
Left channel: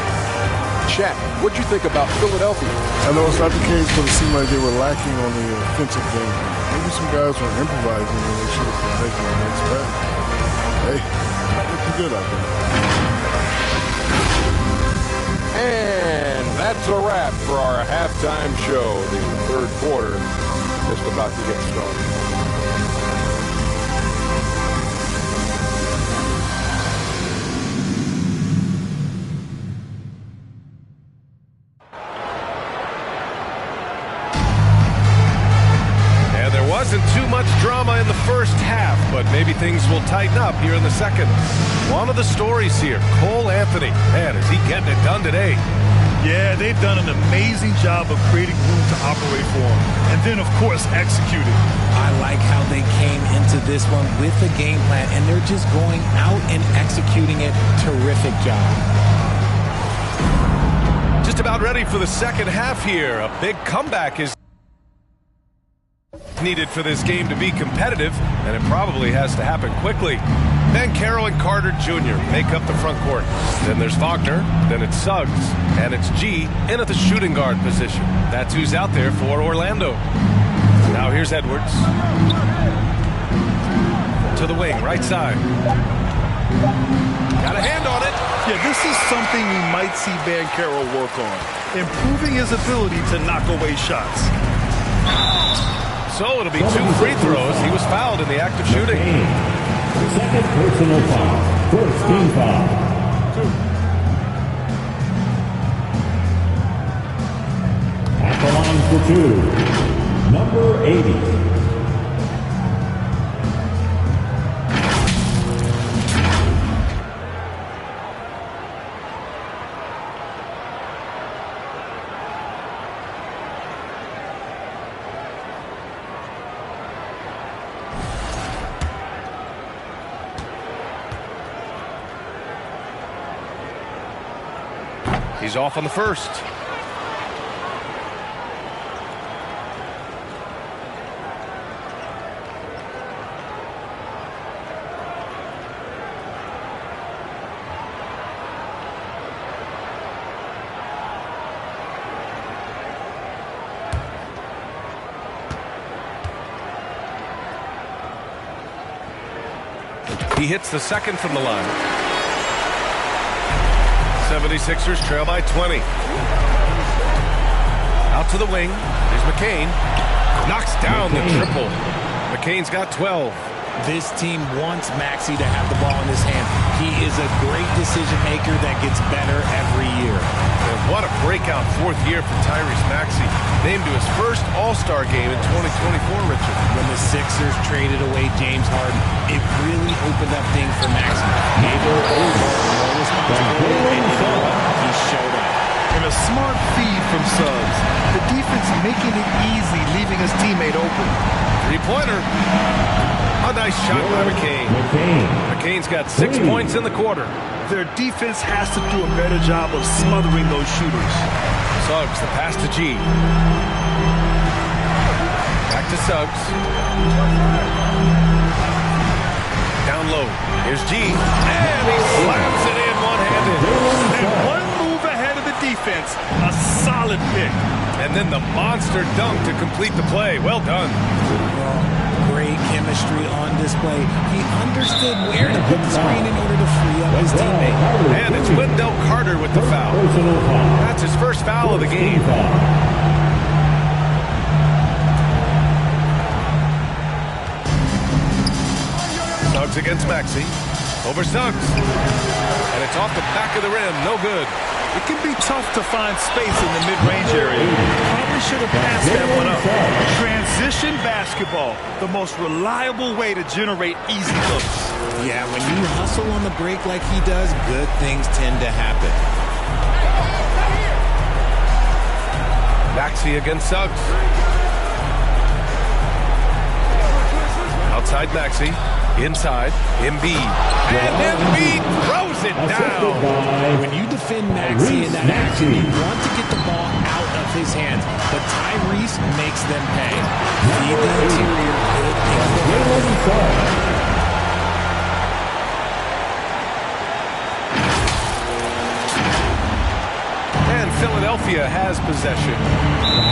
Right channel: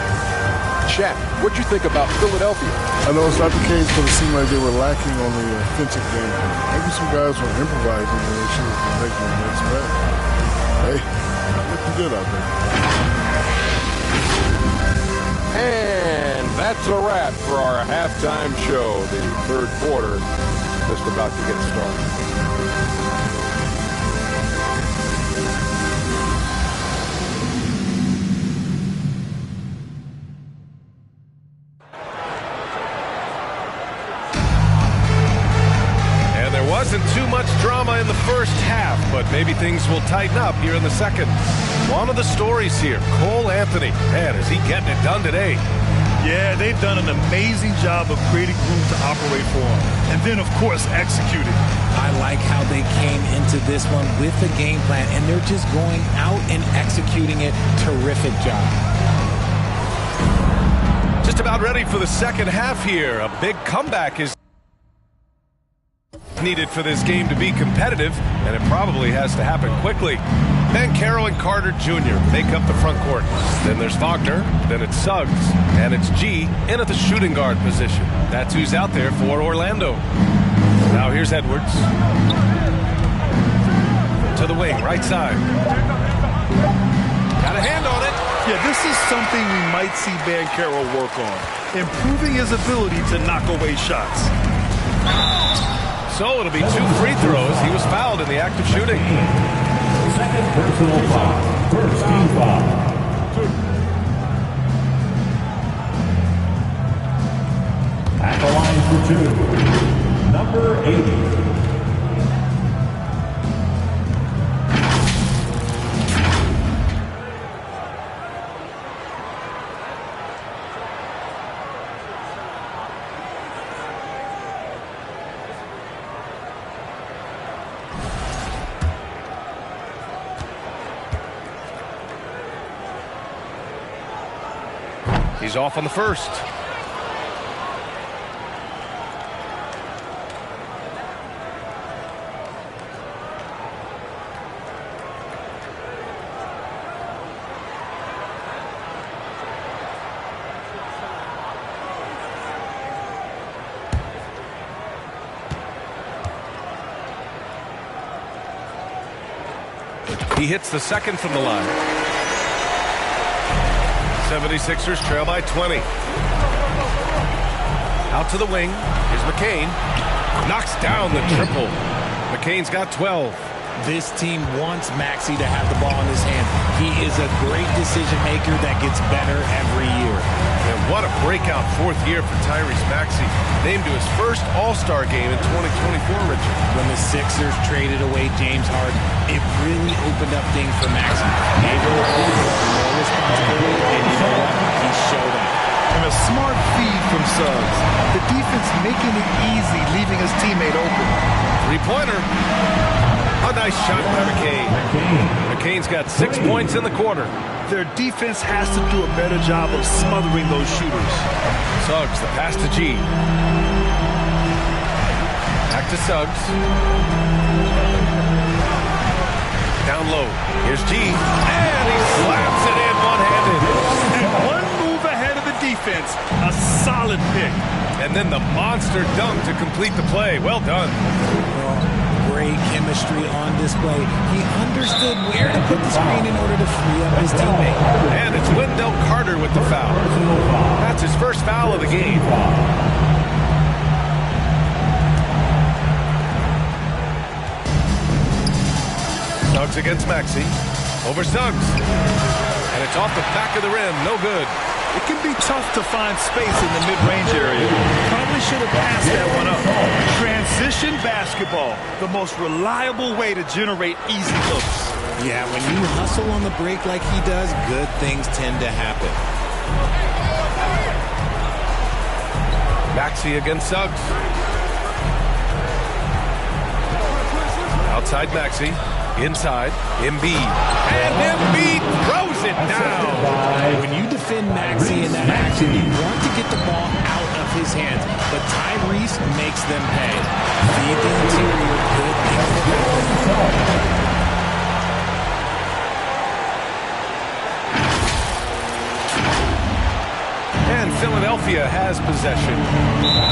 Shaq, what'd you think about Philadelphia? I know it's not the case, but it seemed like they were lacking on the offensive game plan. Maybe some guys were improvising when they should have been making the next pass. Hey, not looking good out there. And that's a wrap for our halftime show. The third quarter just about to get started. And there wasn't too much drama in the first half, but maybe things will tighten up here in the second. One of the stories here, Cole Anthony. Man, is he getting it done today? Yeah, they've done an amazing job of creating room to operate for him. And then, of course, executing. I like how they came into this one with a game plan, and they're just going out and executing it. Terrific job. Just about ready for the second half here. A big comeback is needed for this game to be competitive, and it probably has to happen quickly. Banchero and Carter Jr. make up the front court. Then there's Wagner, then it's Suggs, and it's G in at the shooting guard position. That's who's out there for Orlando. Now here's Edwards. To the wing, right side. Got a hand on it. Yeah, this is something we might see Banchero work on, improving his ability to knock away shots. So it'll be 2 free throws. He was fouled in the act of shooting. Second personal foul. First team foul. At the line for 2, number 80. He's off on the first. He hits the second from the line. 76ers trail by 20. Out to the wing. Here's McCain. Knocks down the triple. McCain's got 12. This team wants Maxey to have the ball in his hand. He is a great decision maker that gets better every year. And what a breakout fourth year for Tyrese Maxey. Named to his first All-Star game in 2024, Richard. When the Sixers traded away James Harden, it really opened up things for Maxey. Gave him the ball more responsibility, and you know what? He showed up. And a smart feed from Suggs. The defense making it easy, leaving his teammate open. Three-pointer. A nice shot by McCain. McCain's got 6 points in the quarter. Their defense has to do a better job of smothering those shooters. Suggs, the pass to G. Back to Suggs. Down low. Here's G. And he slams it in one-handed. And one move ahead of the defense. A solid pick. And then the monster dunk to complete the play. Well done. great chemistry on display. He understood where to put the screen in order to free up his teammate. And it's Wendell Carter with the foul. That's his first foul of the game. Suggs against Maxey. Over Suggs. And it's off the back of the rim. No good. It can be tough to find space in the mid-range area. Probably should have passed that one up. Transition basketball, the most reliable way to generate easy looks. Yeah, when you hustle on the break like he does, good things tend to happen. Maxey against Suggs. Outside Maxey. Inside, Embiid. And Embiid throws it down. When you defend Maxey in that action, you want to get the ball out of his hands. But Tyrese makes them pay. Feed the interior. Good things will happen. And Philadelphia has possession.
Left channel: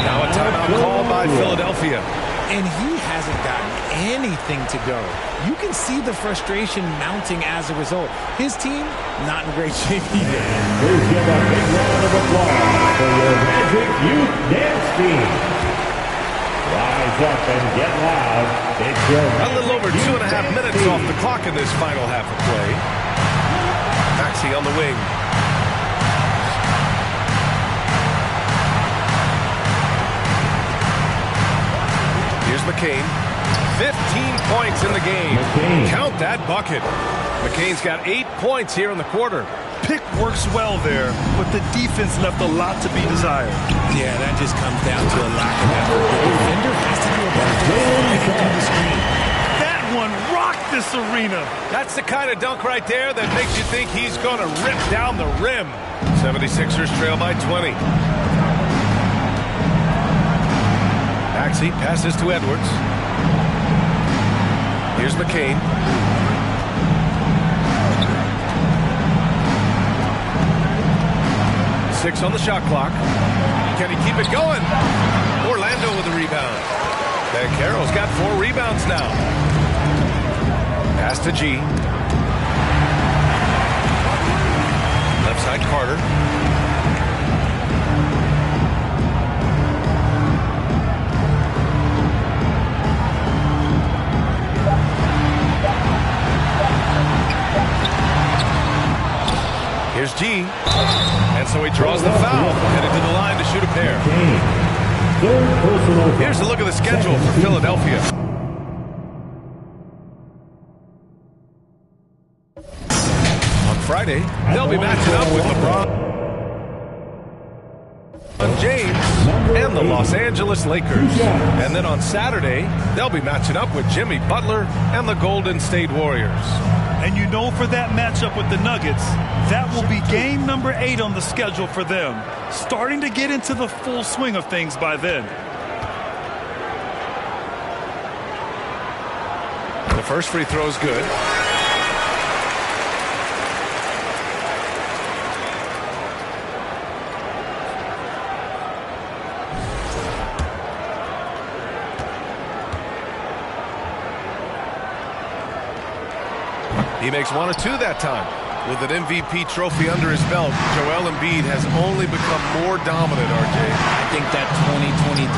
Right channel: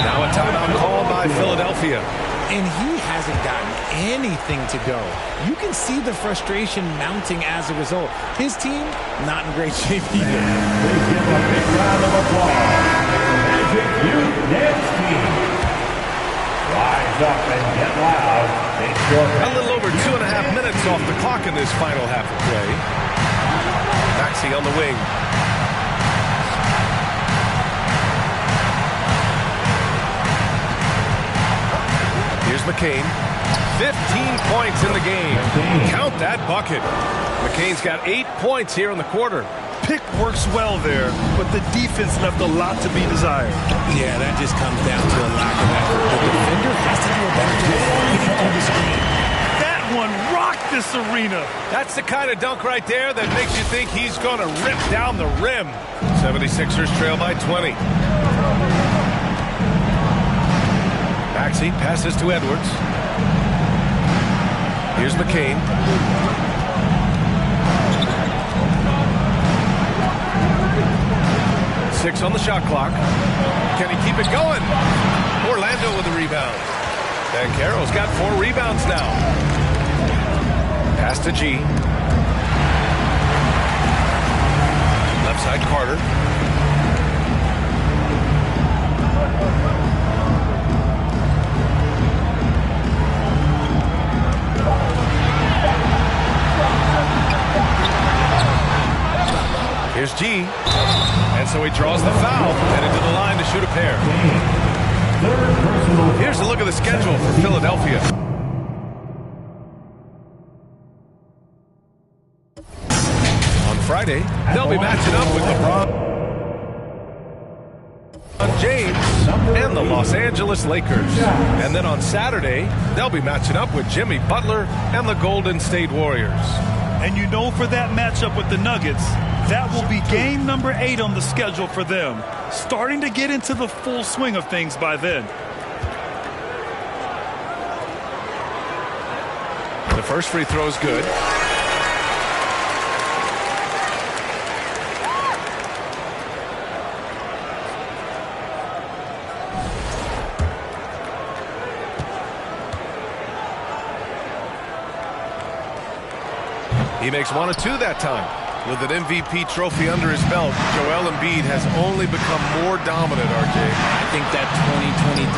Now a timeout called by Philadelphia. And he hasn't gotten anything to go. You can see the frustration mounting as a result. His team, not in great shape either. Please give a big round of applause for your Magic Youth Dance Team. Rise up and get loud. It's your a little over 2.5 minutes off the clock in this final half of play. Maxey on the wing. Here's McCain. 15 points in the game. Count that bucket. McCain's got 8 points here in the quarter. Pick works well there, but the defense left a lot to be desired. Yeah, that just comes down to a lack of effort. The defender has to do a better job getting through the screen. That one rocked this arena. That's the kind of dunk right there that makes you think he's going to rip down the rim. 76ers trail by 20. Maxey passes to Edwards. Here's McCain. Six on the shot clock. Can he keep it going? Orlando with the rebound. Banchero's got 4 rebounds now. Pass to G. Left side Carter. Here's G. And so he draws the foul, headed to the line to shoot a pair. third personal. Here's a look at the schedule for Philadelphia. On Friday, they'll be matching up with LeBron James and the Los Angeles Lakers. And then on Saturday, they'll be matching up with Jimmy Butler and the Golden State Warriors. And you know, for that matchup with the Nuggets, that will be game number 8 on the schedule for them. Starting to get into the full swing of things by then. The first free throw is good. He makes 1 of 2 that time. With an MVP trophy under his belt, Joel Embiid has only become more dominant, RJ. I think that 2023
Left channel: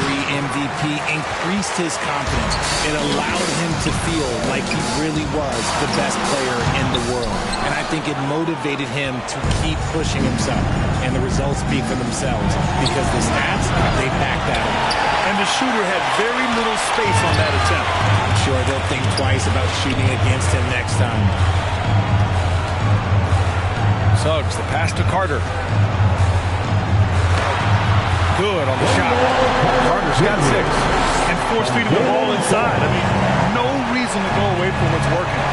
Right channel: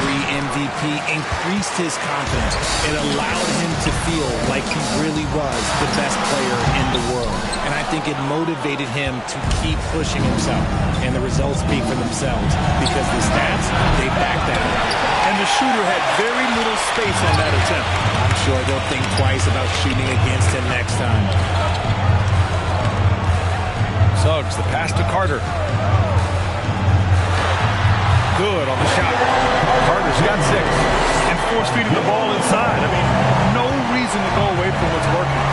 MVP increased his confidence. It allowed him to feel like he really was the best player in the world. And I think it motivated him to keep pushing himself. And the results speak for themselves because the stats, they back that up. And the shooter had very little space on that attempt. I'm sure they'll think twice about shooting against him next time. Suggs, the pass to Carter. Good on the shot. Carter's got 6. And force feeding the ball inside. I mean, no reason to go away from what's working.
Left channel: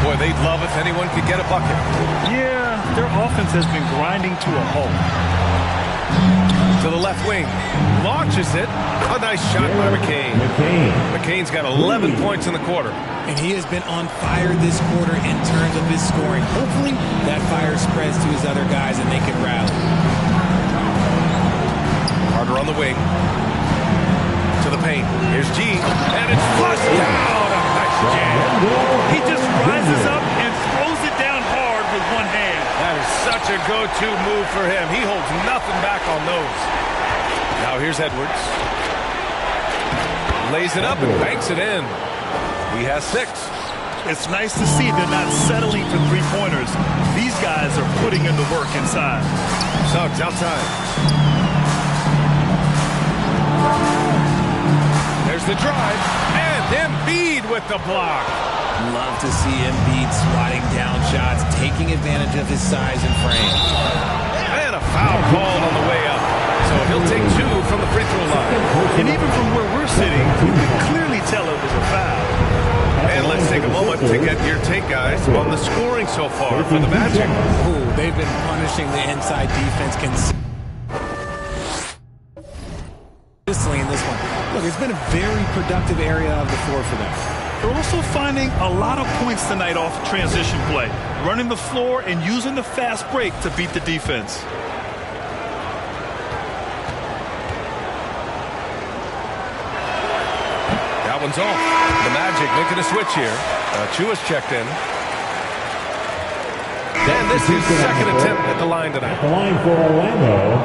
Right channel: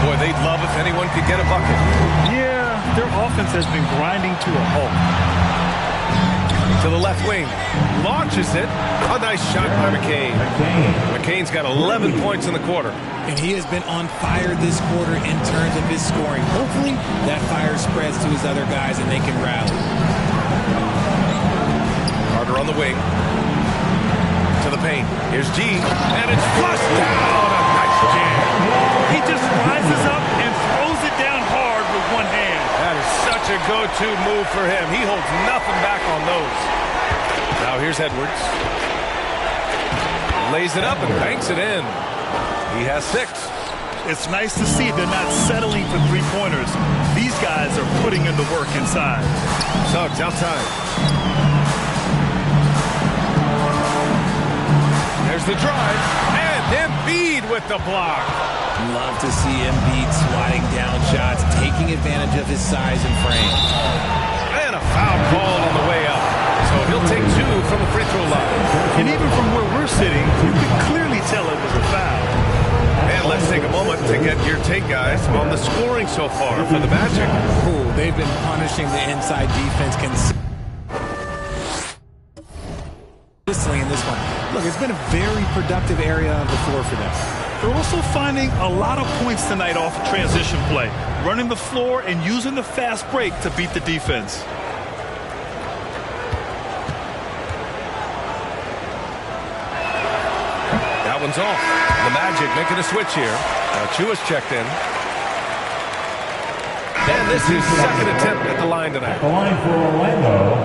Boy, they'd love if anyone could get a bucket. Yeah, their offense has been grinding to a halt. To the left wing. Launches it. A nice shot by McCain. McCain's got 11 points in the quarter. And he has been on fire this quarter in terms of his scoring. Hopefully, that fire spreads to his other guys and they can rally. Carter on the wing. to the paint. Here's G, and it's flushed down. A nice jam. He just rises up and throws it down hard with one hand. That is such a go-to move for him. He holds nothing back on those. Now here's Edwards. Lays it up and banks it in. He has 6. It's nice to see they're not settling for three-pointers. These guys are putting in the work inside. Suggs outside. There's the drive, and Embiid with the block. Love to see Embiid swatting down shots, taking advantage of his size and frame. And a foul called on the way up. So he'll take 2 from the free throw line. And even from where we're sitting, you can clearly tell it was a foul. And let's take a moment to get your take, guys, on the scoring so far for the Magic. Ooh, they've been punishing the inside defense consistently in this one. Look, it's been a very productive area of the floor for them. They're also finding a lot of points tonight off of transition play, running the floor and using the fast break to beat the defense. That one's off. The Magic making a switch here. Chua's checked in. And this is second attempt at the line tonight. At the line for Orlando,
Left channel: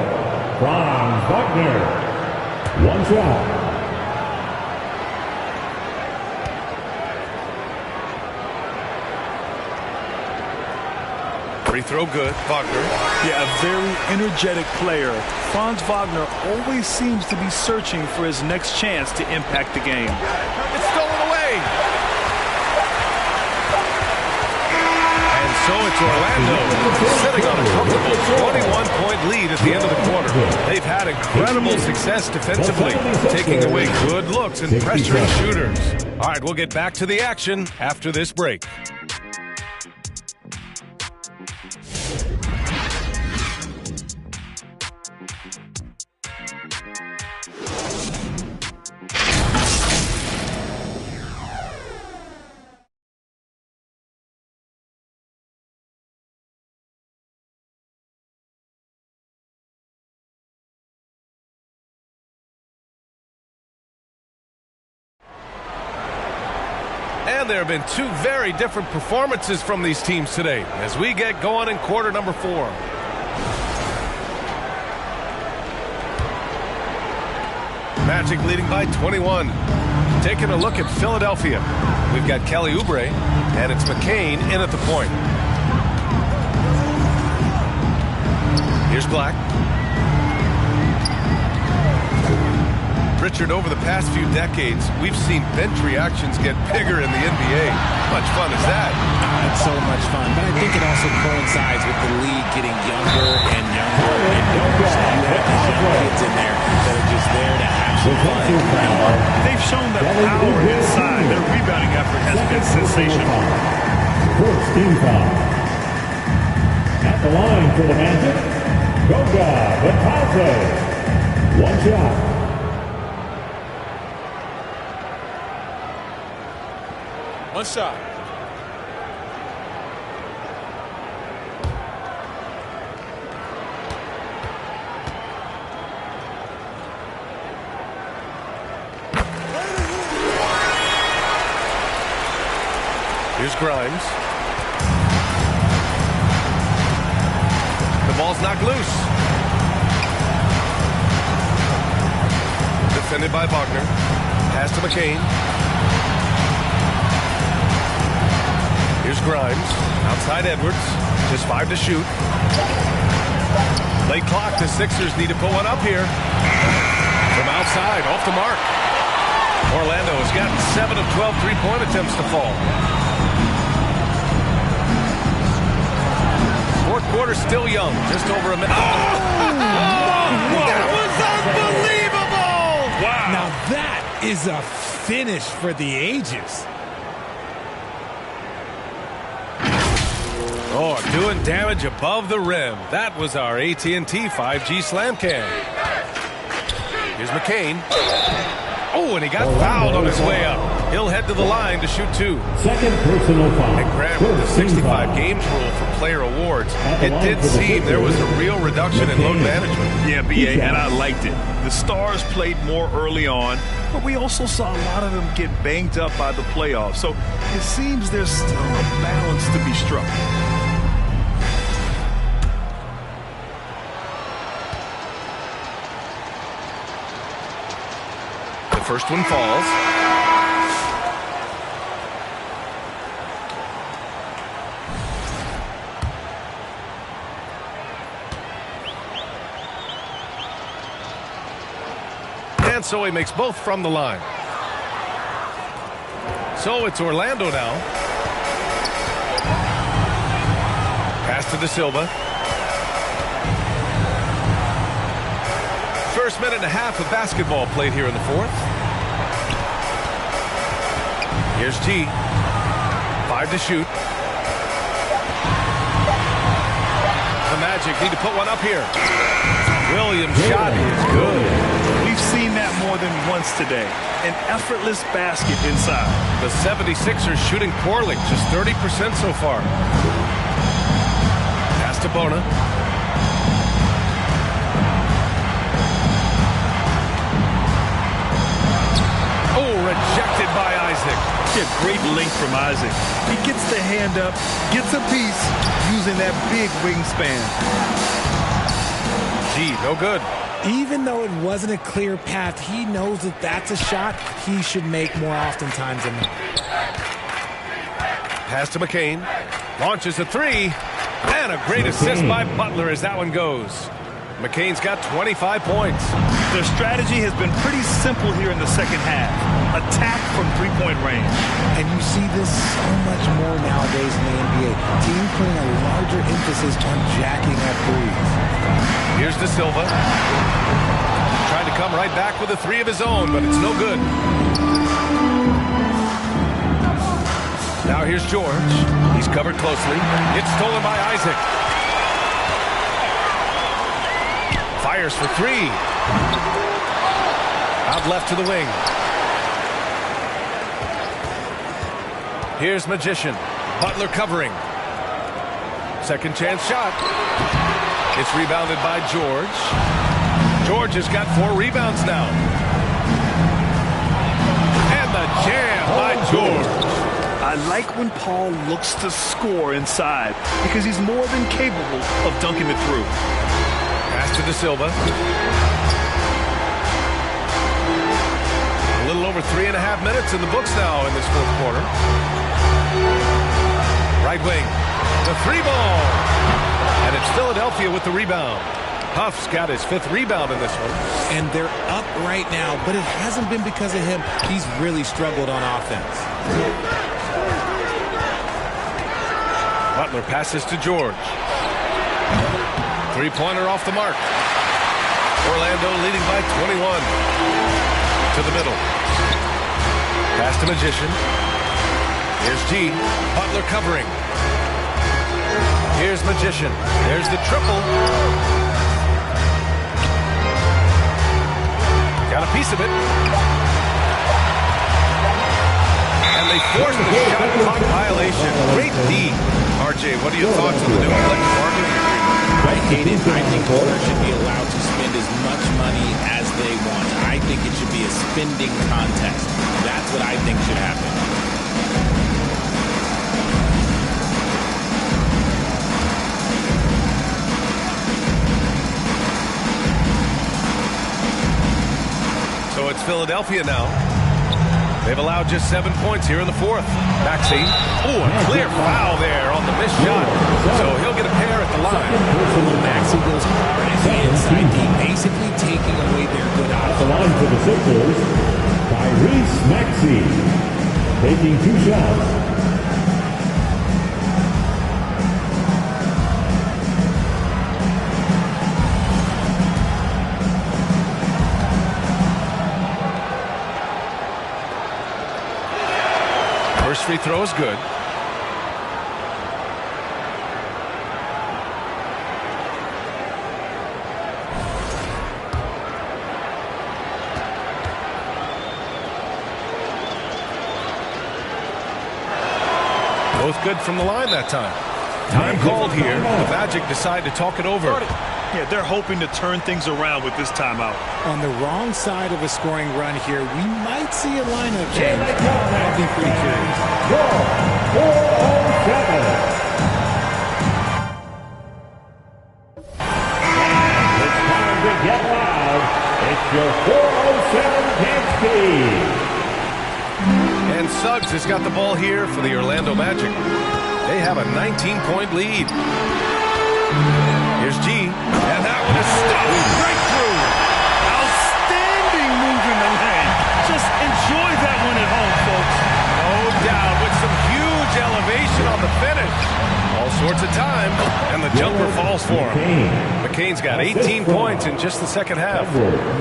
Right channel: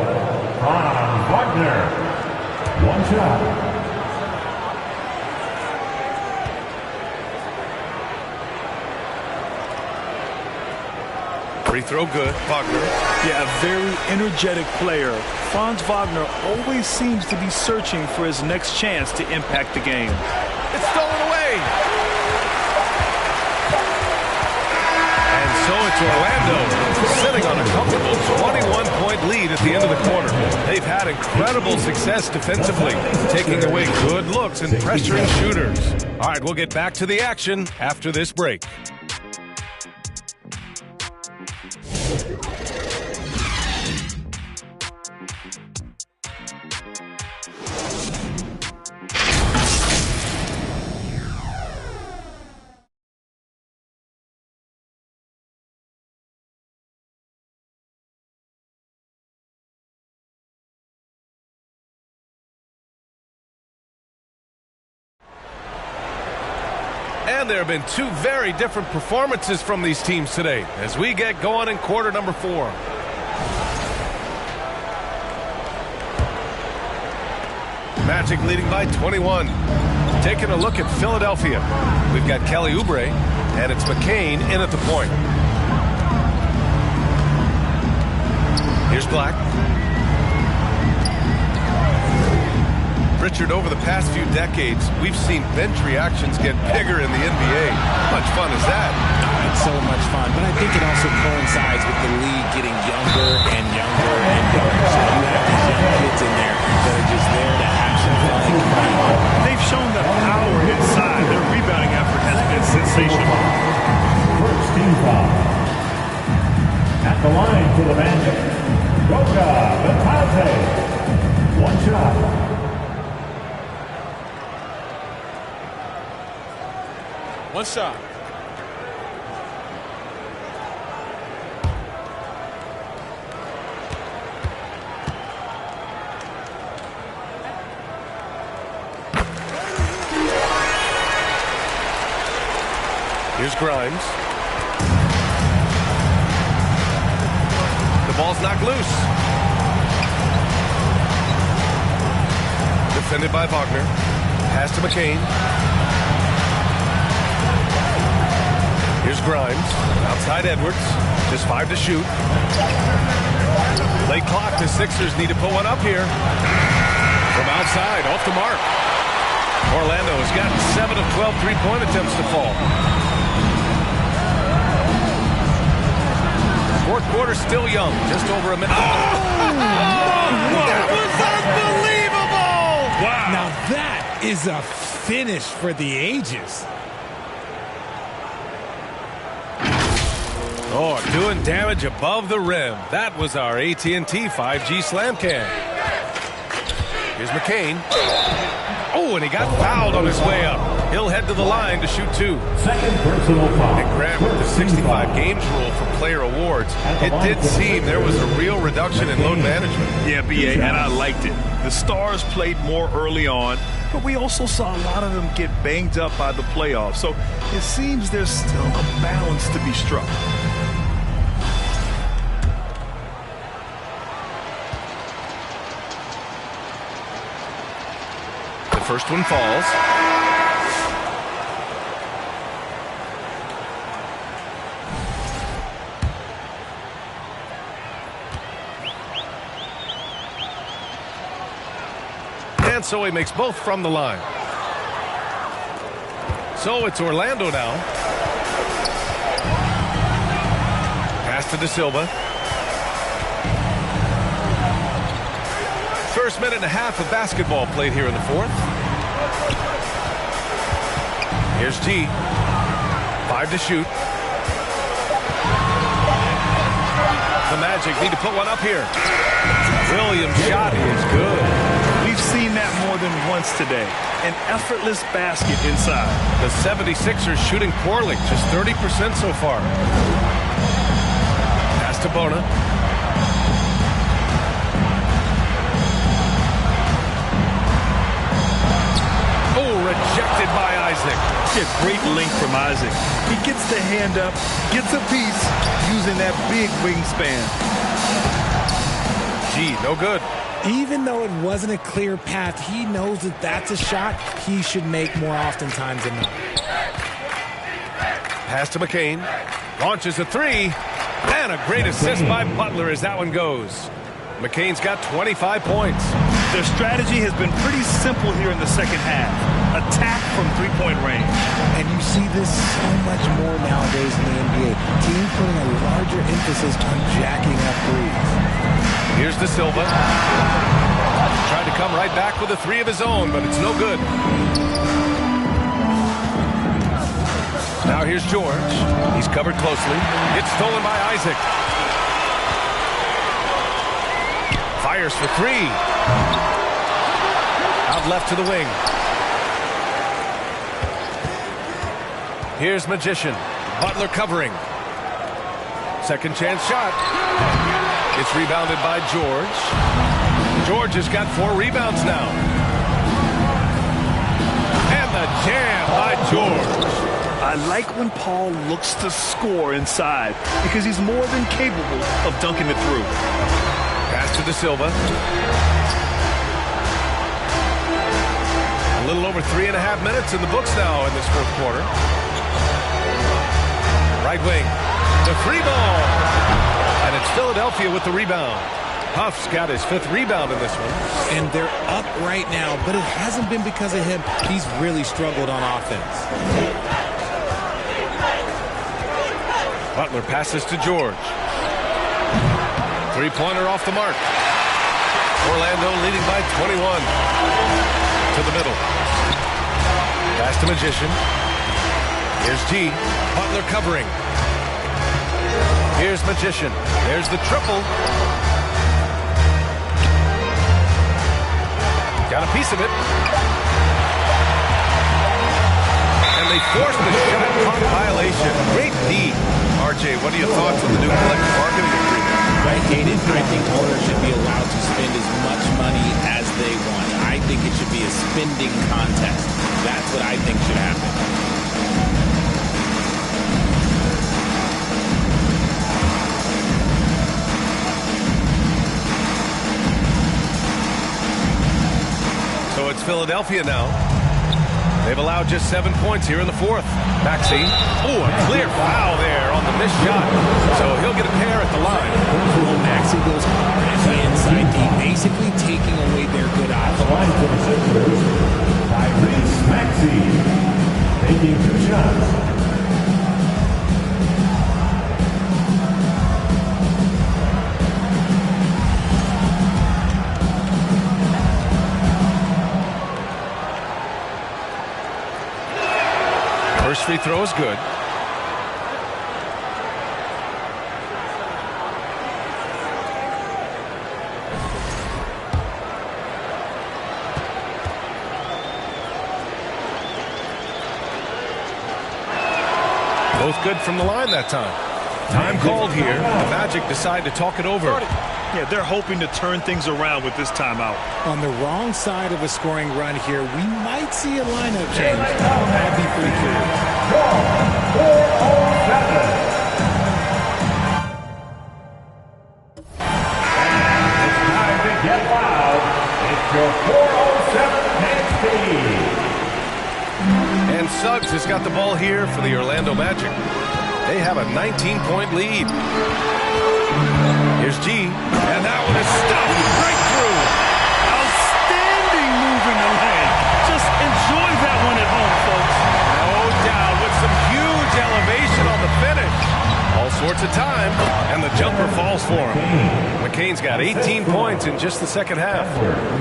Franz Wagner. One shot. Free throw good. Wagner. Yeah, a very energetic player. Franz Wagner always seems to be searching for his next chance to impact the game. It's stolen away. And so it's Orlando sitting on a comfortable 21-point lead at the end of the quarter. They've had incredible success defensively, taking away good looks and pressuring shooters. All right, we'll get back to the action after this break. And there have been 2 very different performances from these teams today as we get going in quarter number 4. Magic leading by 21. Taking a look at Philadelphia. We've got Kelly Oubre, and it's McCain in at the point. Here's Black. Richard, over the past few decades, we've seen bench reactions get bigger in the NBA. How much fun is that? It's so much fun, but I think it also coincides with the league getting younger and younger and younger. So you have these young kids in there that are just there to have some fun and compete. They've shown that power inside. Their rebounding effort has been sensational. First team foul. At the line for the Magic, Goga Bitadze. One shot. One shot. Here's Grimes. The ball's knocked loose. Defended by Wagner. Pass to McCain. Here's Grimes. Outside Edwards. Just 5 to shoot. Late clock. The Sixers need to put one up here. From outside. Off the mark. Orlando has gotten 7 of 12 three-point attempts to fall. Fourth quarter still young. Just over a minute. That was unbelievable! Wow. Now that is a finish for the ages. Oh, doing damage above the rim. That was our AT&T 5G slam cam. Here's McCain. Oh, and he got fouled on his way up. He'll head to the line to shoot 2. Second personal foul. And Grant, with the 65 games rule for player awards, it did seem there was a real reduction in load management. Yeah, BA, and I liked it. The Stars played more early on. but we also saw a lot of them get banged up by the playoffs. So it seems there's still a balance to be struck. The first one falls. And so he makes both from the line. So it's Orlando now. Pass to De Silva. First minute and a half of basketball played here in the fourth. Here's G. 5 to shoot. The Magic need to put one up here. Williams' shot is good. We've seen that more than once today. An effortless basket inside. The 76ers shooting poorly, just 30% so far. Pass to Bona. Oh, rejected by Isaac. Yeah, great length from Isaac. He gets the hand up, gets a piece, using that big wingspan. G, no good. Even though it wasn't a clear path, he knows that that's a shot he should make more oftentimes than not. Pass to McCain. Launches a three. And a great assist by Butler as that one goes. McCain's got 25 points. Their strategy has been pretty simple here in the second half. Attack from three-point range. And you see this so much more nowadays in the NBA. Teams putting a larger emphasis on jacking up threes. Here's De Silva. Tried to come right back with a three of his own, but it's no good. Now here's George. He's covered closely. It's stolen by Isaac. Fires for three. Out left to the wing. Here's Magician. Butler covering. Second chance shot. It's rebounded by George. George has got 4 rebounds now. And the jam by George. I like when Paul looks to score inside because he's more than capable of dunking it through. Pass to De Silva. A little over 3.5 minutes in the books now in this fourth quarter. Right wing. The three ball. And it's Philadelphia with the rebound. Huff's got his 5th rebound in this one. And they're up right now, but it hasn't been because of him. He's really struggled on offense. Butler passes to George. Three-pointer off the mark. Orlando leading by 21. To the middle. Pass to Magician. Here's G. Butler covering. Here's Magician. There's the triple. Got a piece of it. And they forced the shot clock violation. Great D. RJ, what are your thoughts on the new collective bargaining agreement? I hate it. I think owners should be allowed to spend as much money as they want. I think it should be a spending contest. That's what I think should happen. So it's Philadelphia now. They've allowed just 7 points here in the fourth. Maxey. Oh, a clear foul there on the missed shot. So he'll get a pair at the line. Well, Maxey goes hard at the inside D, basically taking away their good At the options. line for the Sixers, Tyrese Maxey, taking 2 shots. First free throw is good. Both good from the line that time. Time called here. The Magic decide to talk it over. Yeah, they're hoping to turn things around with this timeout. On the wrong side of a scoring run here, we might see a lineup change. I'll be pretty curious. 407. And it's time to get loud. It's your 407 paint speed. And Suggs has got the ball here for the Orlando Magic. They have a 19-point lead. Here's G, and that one is stopped right through. Outstanding move in the lane. Just enjoy that one at home, folks. No doubt, with some huge elevation on the finish. All sorts of time, and the jumper falls for him. McCain's got 18 points in just the second half.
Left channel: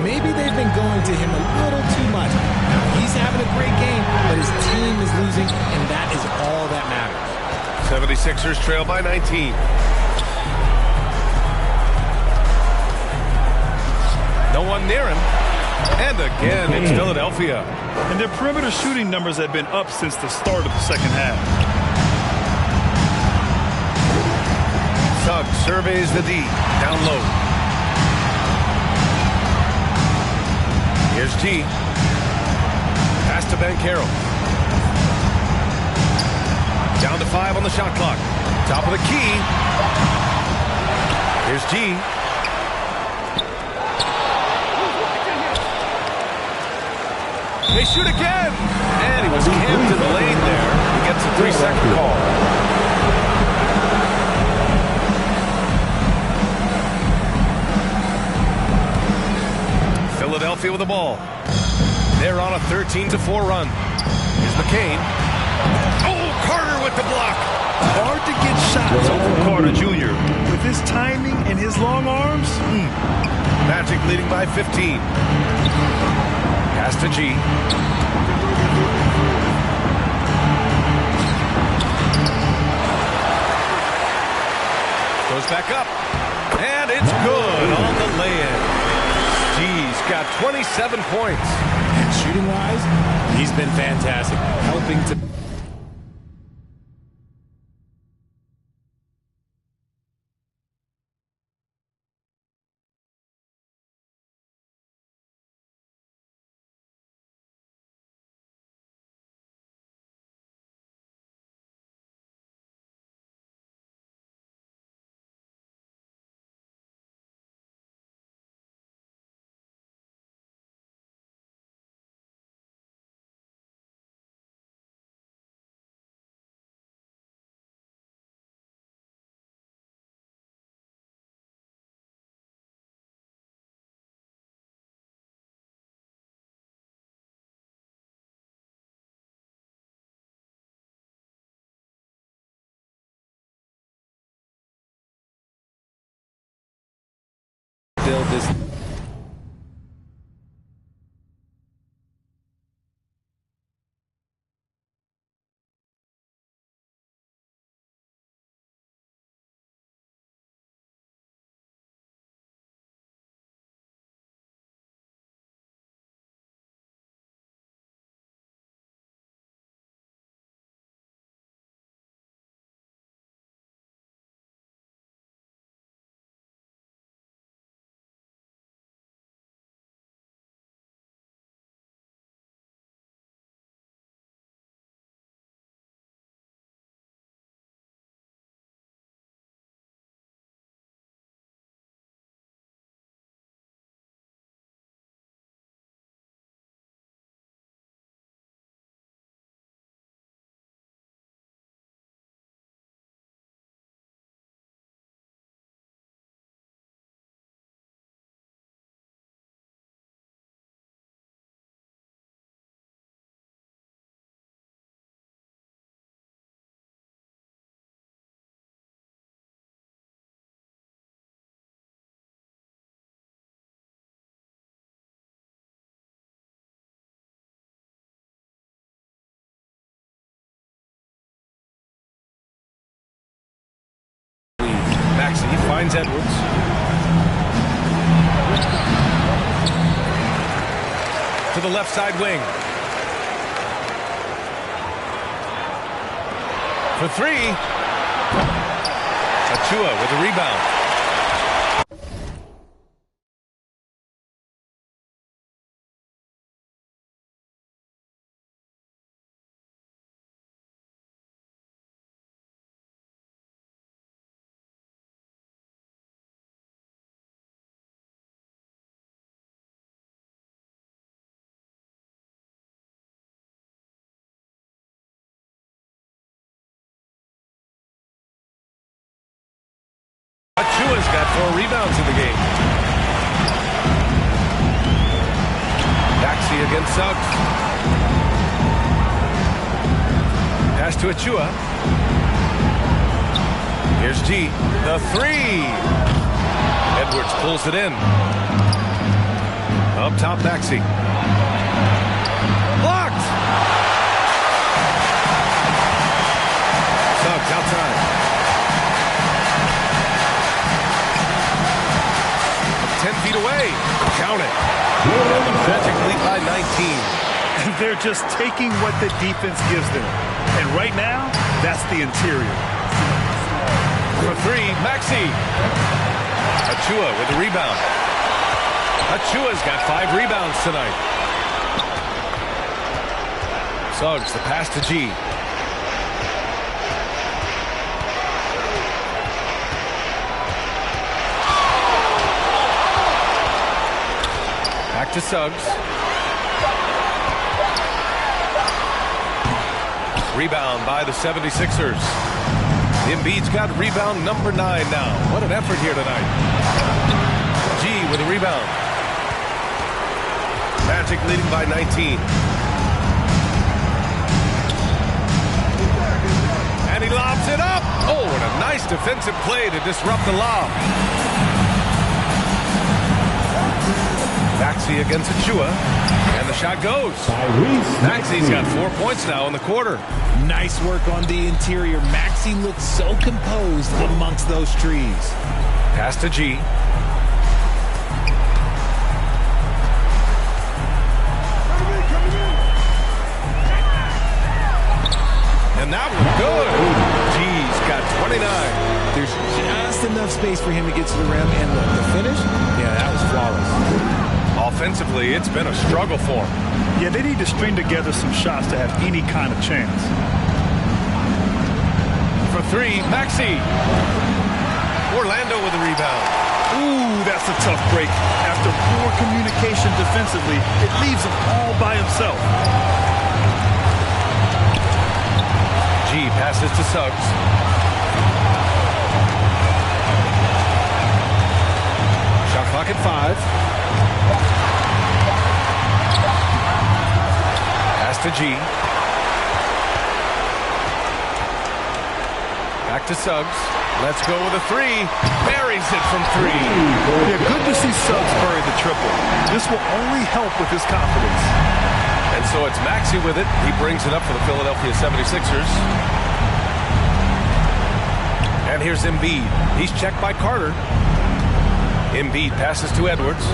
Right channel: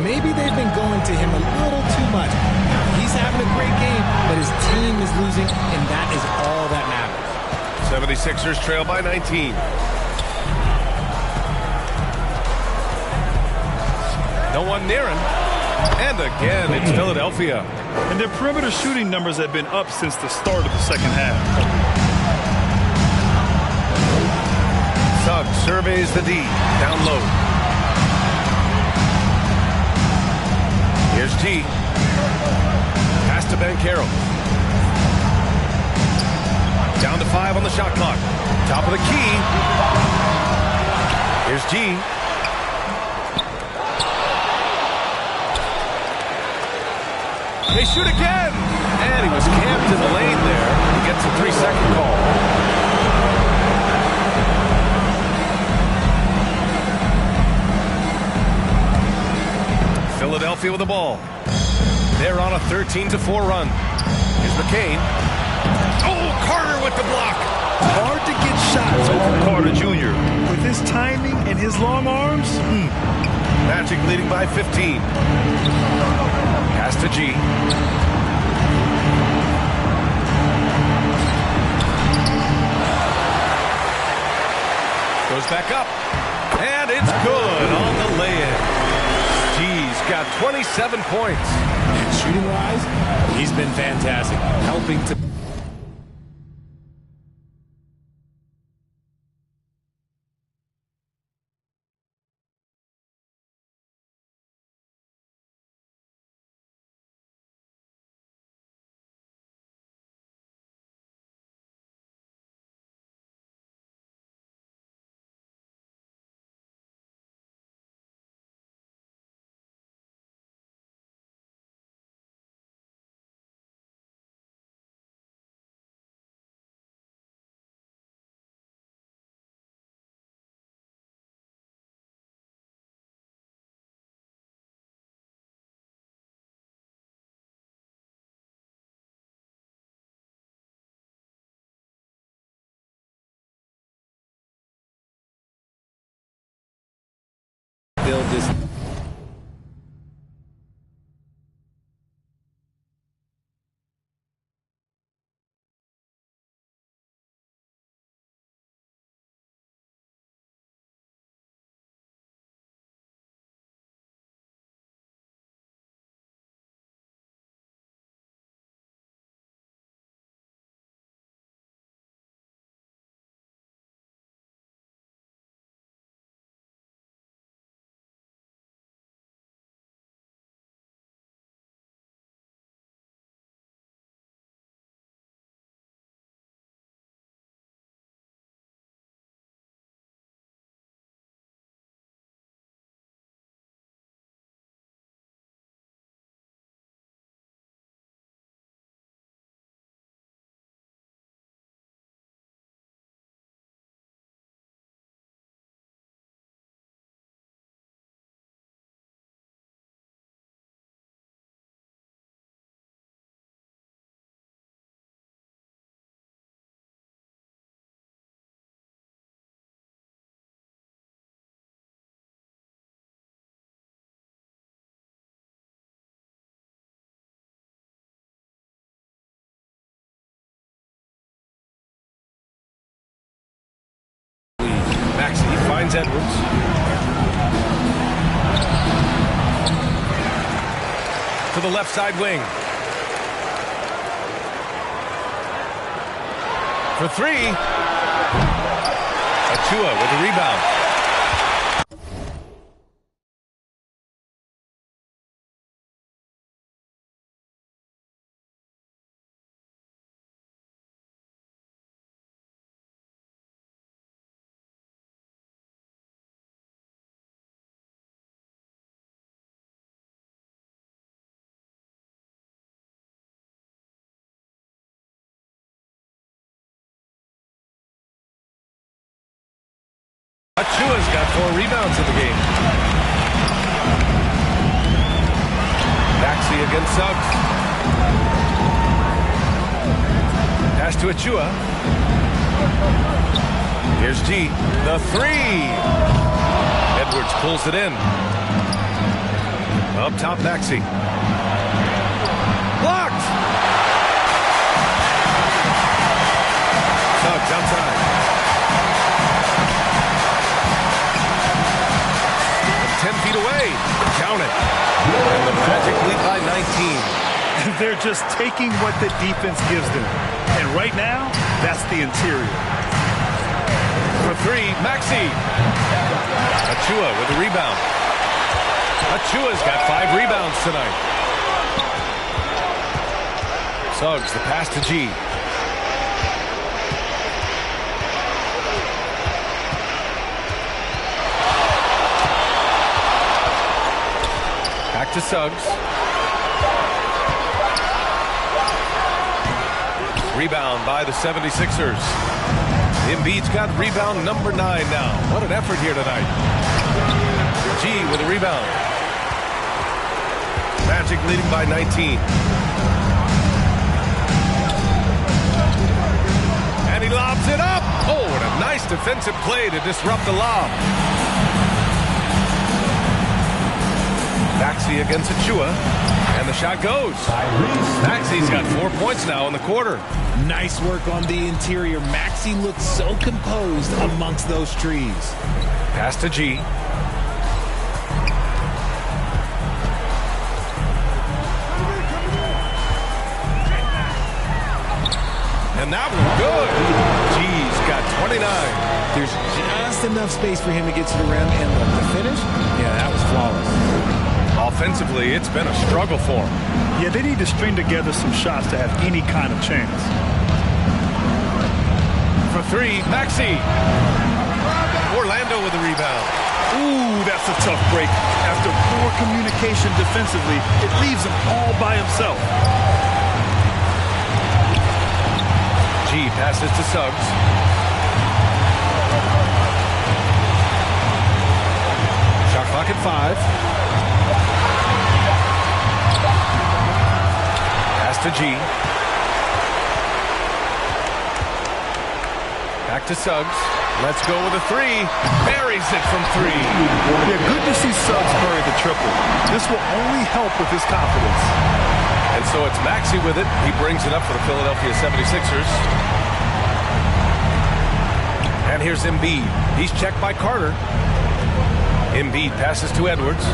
Maybe they've been going to him a little too much. Now, he's having a great game, but his team is losing, and that is all that matters. 76ers trail by 19. No one near him. And again, it's Philadelphia. And their perimeter shooting numbers have been up since the start of the second half. Suggs surveys the D. Down low. Here's G. Pass to Banchero. Down to 5 on the shot clock. Top of the key. Here's G. They shoot again! And he was camped in the lane there. He gets a 3-second call. Philadelphia with the ball. They're on a 13-4 run. Here's McCain. Oh, Carter with the block. Hard to get shots over Carter Jr. With his timing and his long arms. Magic leading by 15. Pass to G. Goes back up. And it's good on the lay-in. G's got 27 points. And shooting-wise, he's been fantastic, helping to... build this. Maxey finds Edwards. To the left side wing. For three. Achua with the rebound. Achua's got 4 rebounds in the game. Maxey against Suggs. Pass to Achua. Here's G. The 3. Edwards pulls it in. Up top, Maxey. Blocked! Suggs outside. 10 feet away. Count it. And the Magic lead by 19. They're just taking what the defense gives them. And right now, that's the interior. For 3, Maxey. Achua with the rebound. Achua's got 5 rebounds tonight. Suggs, the pass to G. Back to Suggs. Rebound by the 76ers. Embiid's got rebound number 9 now. What an effort here tonight. G with a rebound. Magic leading by 19. And he lobs it up. Oh, and a nice defensive play to disrupt the lob. Maxey against Achua, and the shot goes. Maxey's got 4 points now in the quarter. Nice work on the interior. Maxey looks so composed amongst those trees. Pass to G. And that one good. G's got 29. There's just enough space for him to get to the rim, and look, the finish, yeah, that was flawless. Offensively, it's been a struggle for him. Yeah, they need to string together some shots to have any kind of chance. For 3, Maxey. Orlando with the rebound. Ooh, that's a tough break. After poor communication defensively, it leaves him all by himself. G passes to Suggs. Shot clock at 5. Pass to G. Back to Suggs. Let's go with a 3. Buries it from 3. Yeah, good to see Suggs bury the triple. This will only help with his confidence. And so it's Maxey with it. He brings it up for the Philadelphia 76ers. And here's Embiid. He's checked by Carter. Embiid passes to Edwards.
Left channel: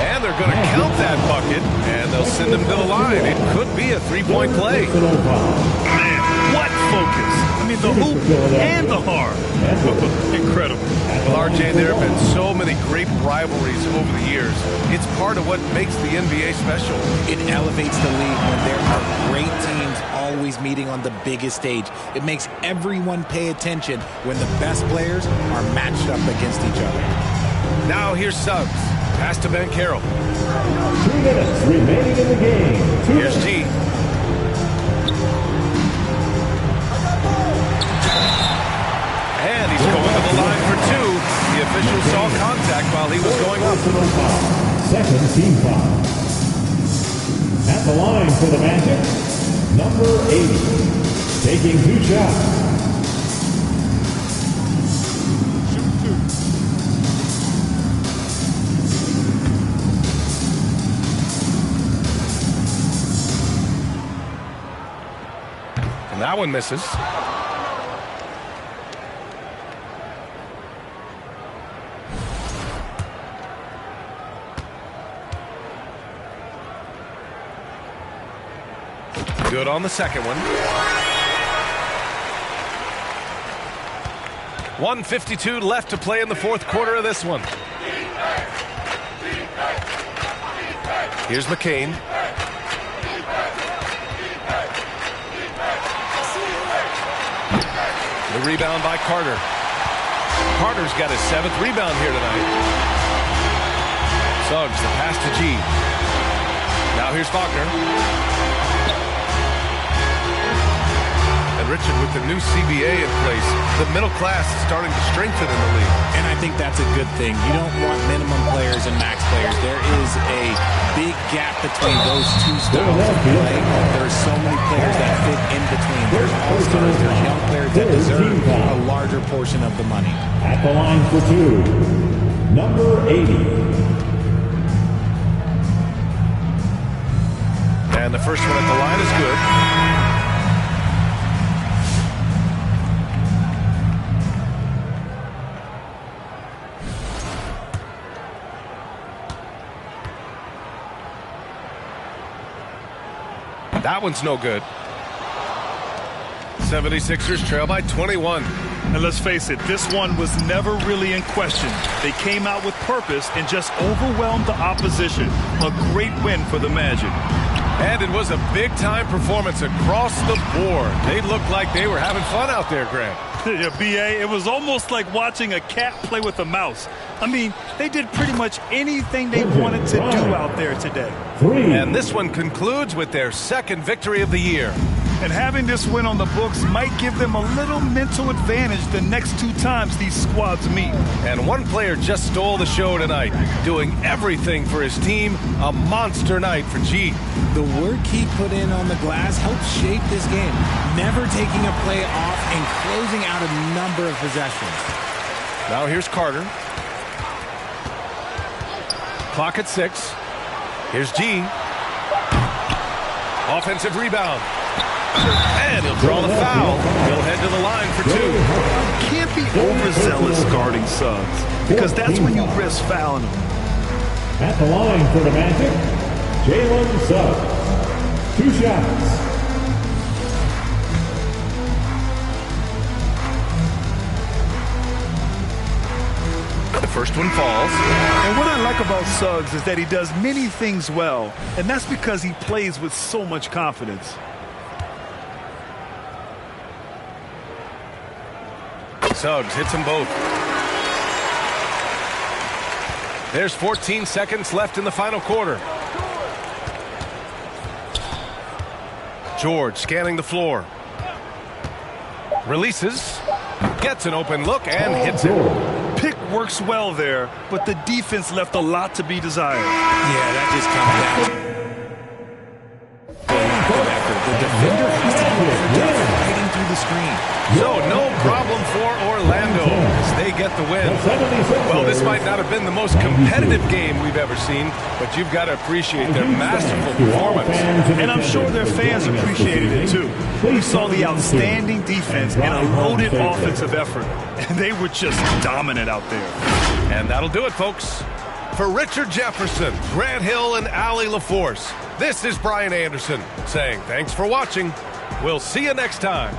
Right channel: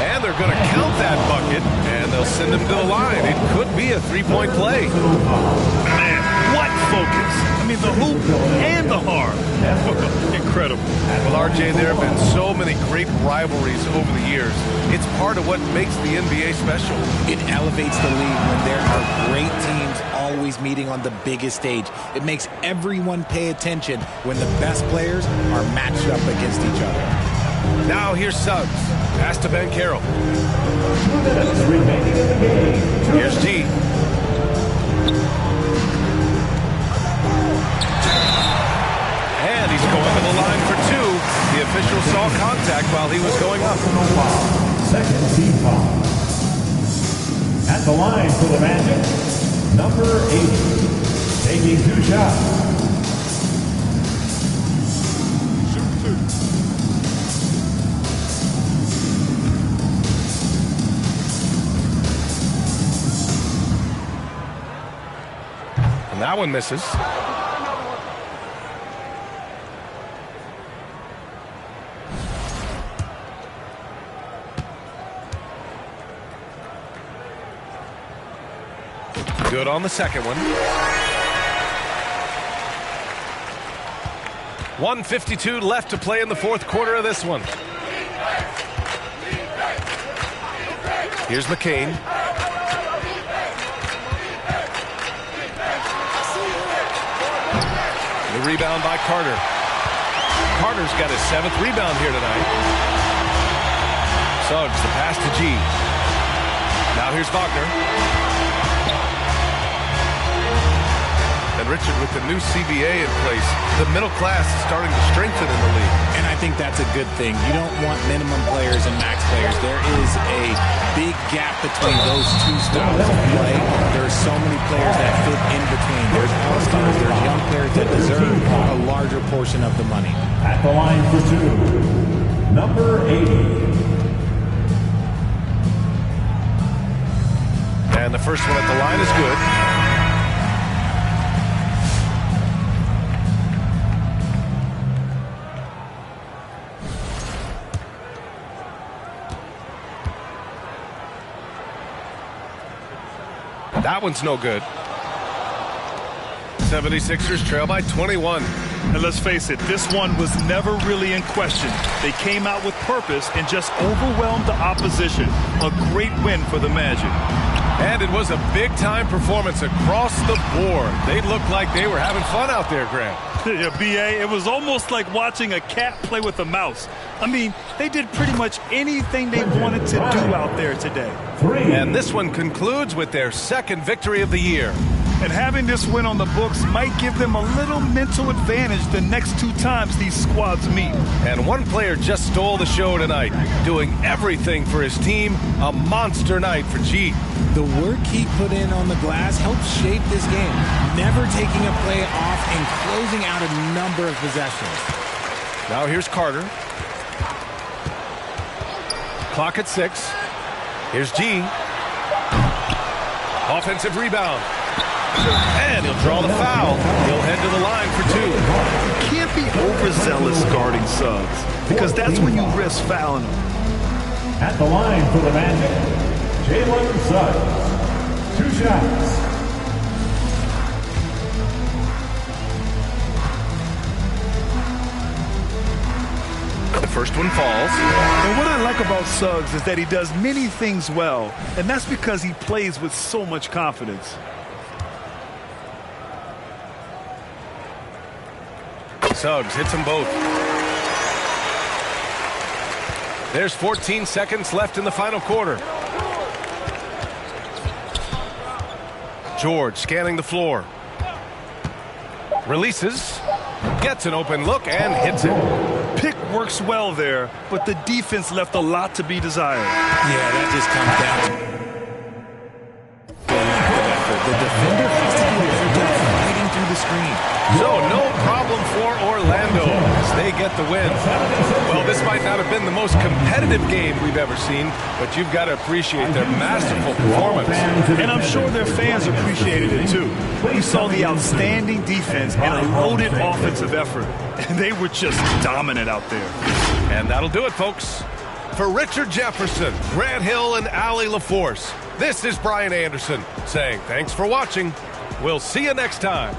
And they're going to count that bucket, and they'll send him to the line. It could be a 3-point play. Man, what focus. I mean, the hoop and the heart. Incredible. Well, RJ, there have been so many great rivalries over the years. It's part of what makes the NBA special. It elevates the league when there are great teams always meeting on the biggest stage. It makes everyone pay attention when the best players are matched up against each other. Now here's Suggs. Pass to Banchero. 2 minutes remaining in the game. Here's G. And he's going to the line for 2. The official saw contact while he was going up. Second team foul. At the line for the Magic, number 80. Taking 2 shots. And that one misses. Good on the second one. 1:52 left to play in the fourth quarter of this one. Here's McCain. The rebound by Carter. Carter's got his 7th rebound here tonight. Suggs, the pass to G. Now here's Wagner. And Richard, with the new CBA in place, the middle class is starting to strengthen in the league. And I think that's a good thing. You don't want minimum players and max players. There is a big gap between those two styles of play. There are so many players that fit in between. There's all-stars, there's young players that deserve a larger portion of the money. At the line for two, number 80. And the first one at the line is good. That one's no good. 76ers trail by 21. And let's face it, this one was never really in question. They came out with purpose and just overwhelmed the opposition. A great win for the Magic. And it was a big-time performance across the board. They looked like they were having fun out there, Grant. Yeah, B.A., it was almost like watching a cat play with a mouse. I mean, they did pretty much anything they wanted to do out there today. And this one concludes with their second victory of the year. And having this win on the books might give them a little mental advantage the next two times these squads meet. And one player just stole the show tonight, doing everything for his team. A monster night for G. The work he put in on the glass helped shape this game, never taking a play off and closing out a number of possessions. Now here's Carter. Clock at 6. Here's G. Offensive rebound. And he'll draw the foul. He'll head to the line for 2. You can't be overzealous guarding Suggs, because that's when you risk fouling them. At the line for the Magic, Jalen Suggs. 2 shots. The first one falls. And what I like about Suggs is that he does many things well, and that's because he plays with so much confidence. Suggs hits them both. There's 14 seconds left in the final quarter. George scanning the floor. Releases. Gets an open look and hits it. Pick works well there, but the defense left a lot to be desired. Yeah, that just comes down to the lack of effort. The defender has to do a better job fighting through the screen. So no problem for Orlando as they get the win. Well, this might not have been the most competitive game we've ever seen, but you've got to appreciate their masterful performance. And I'm sure their fans appreciated it too. We saw the outstanding defense and a loaded offensive effort, and they were just dominant out there. And that'll do it, folks. For Richard Jefferson, Grant Hill, and Allie LaForce, this is Brian Anderson saying thanks for watching. We'll see you next time.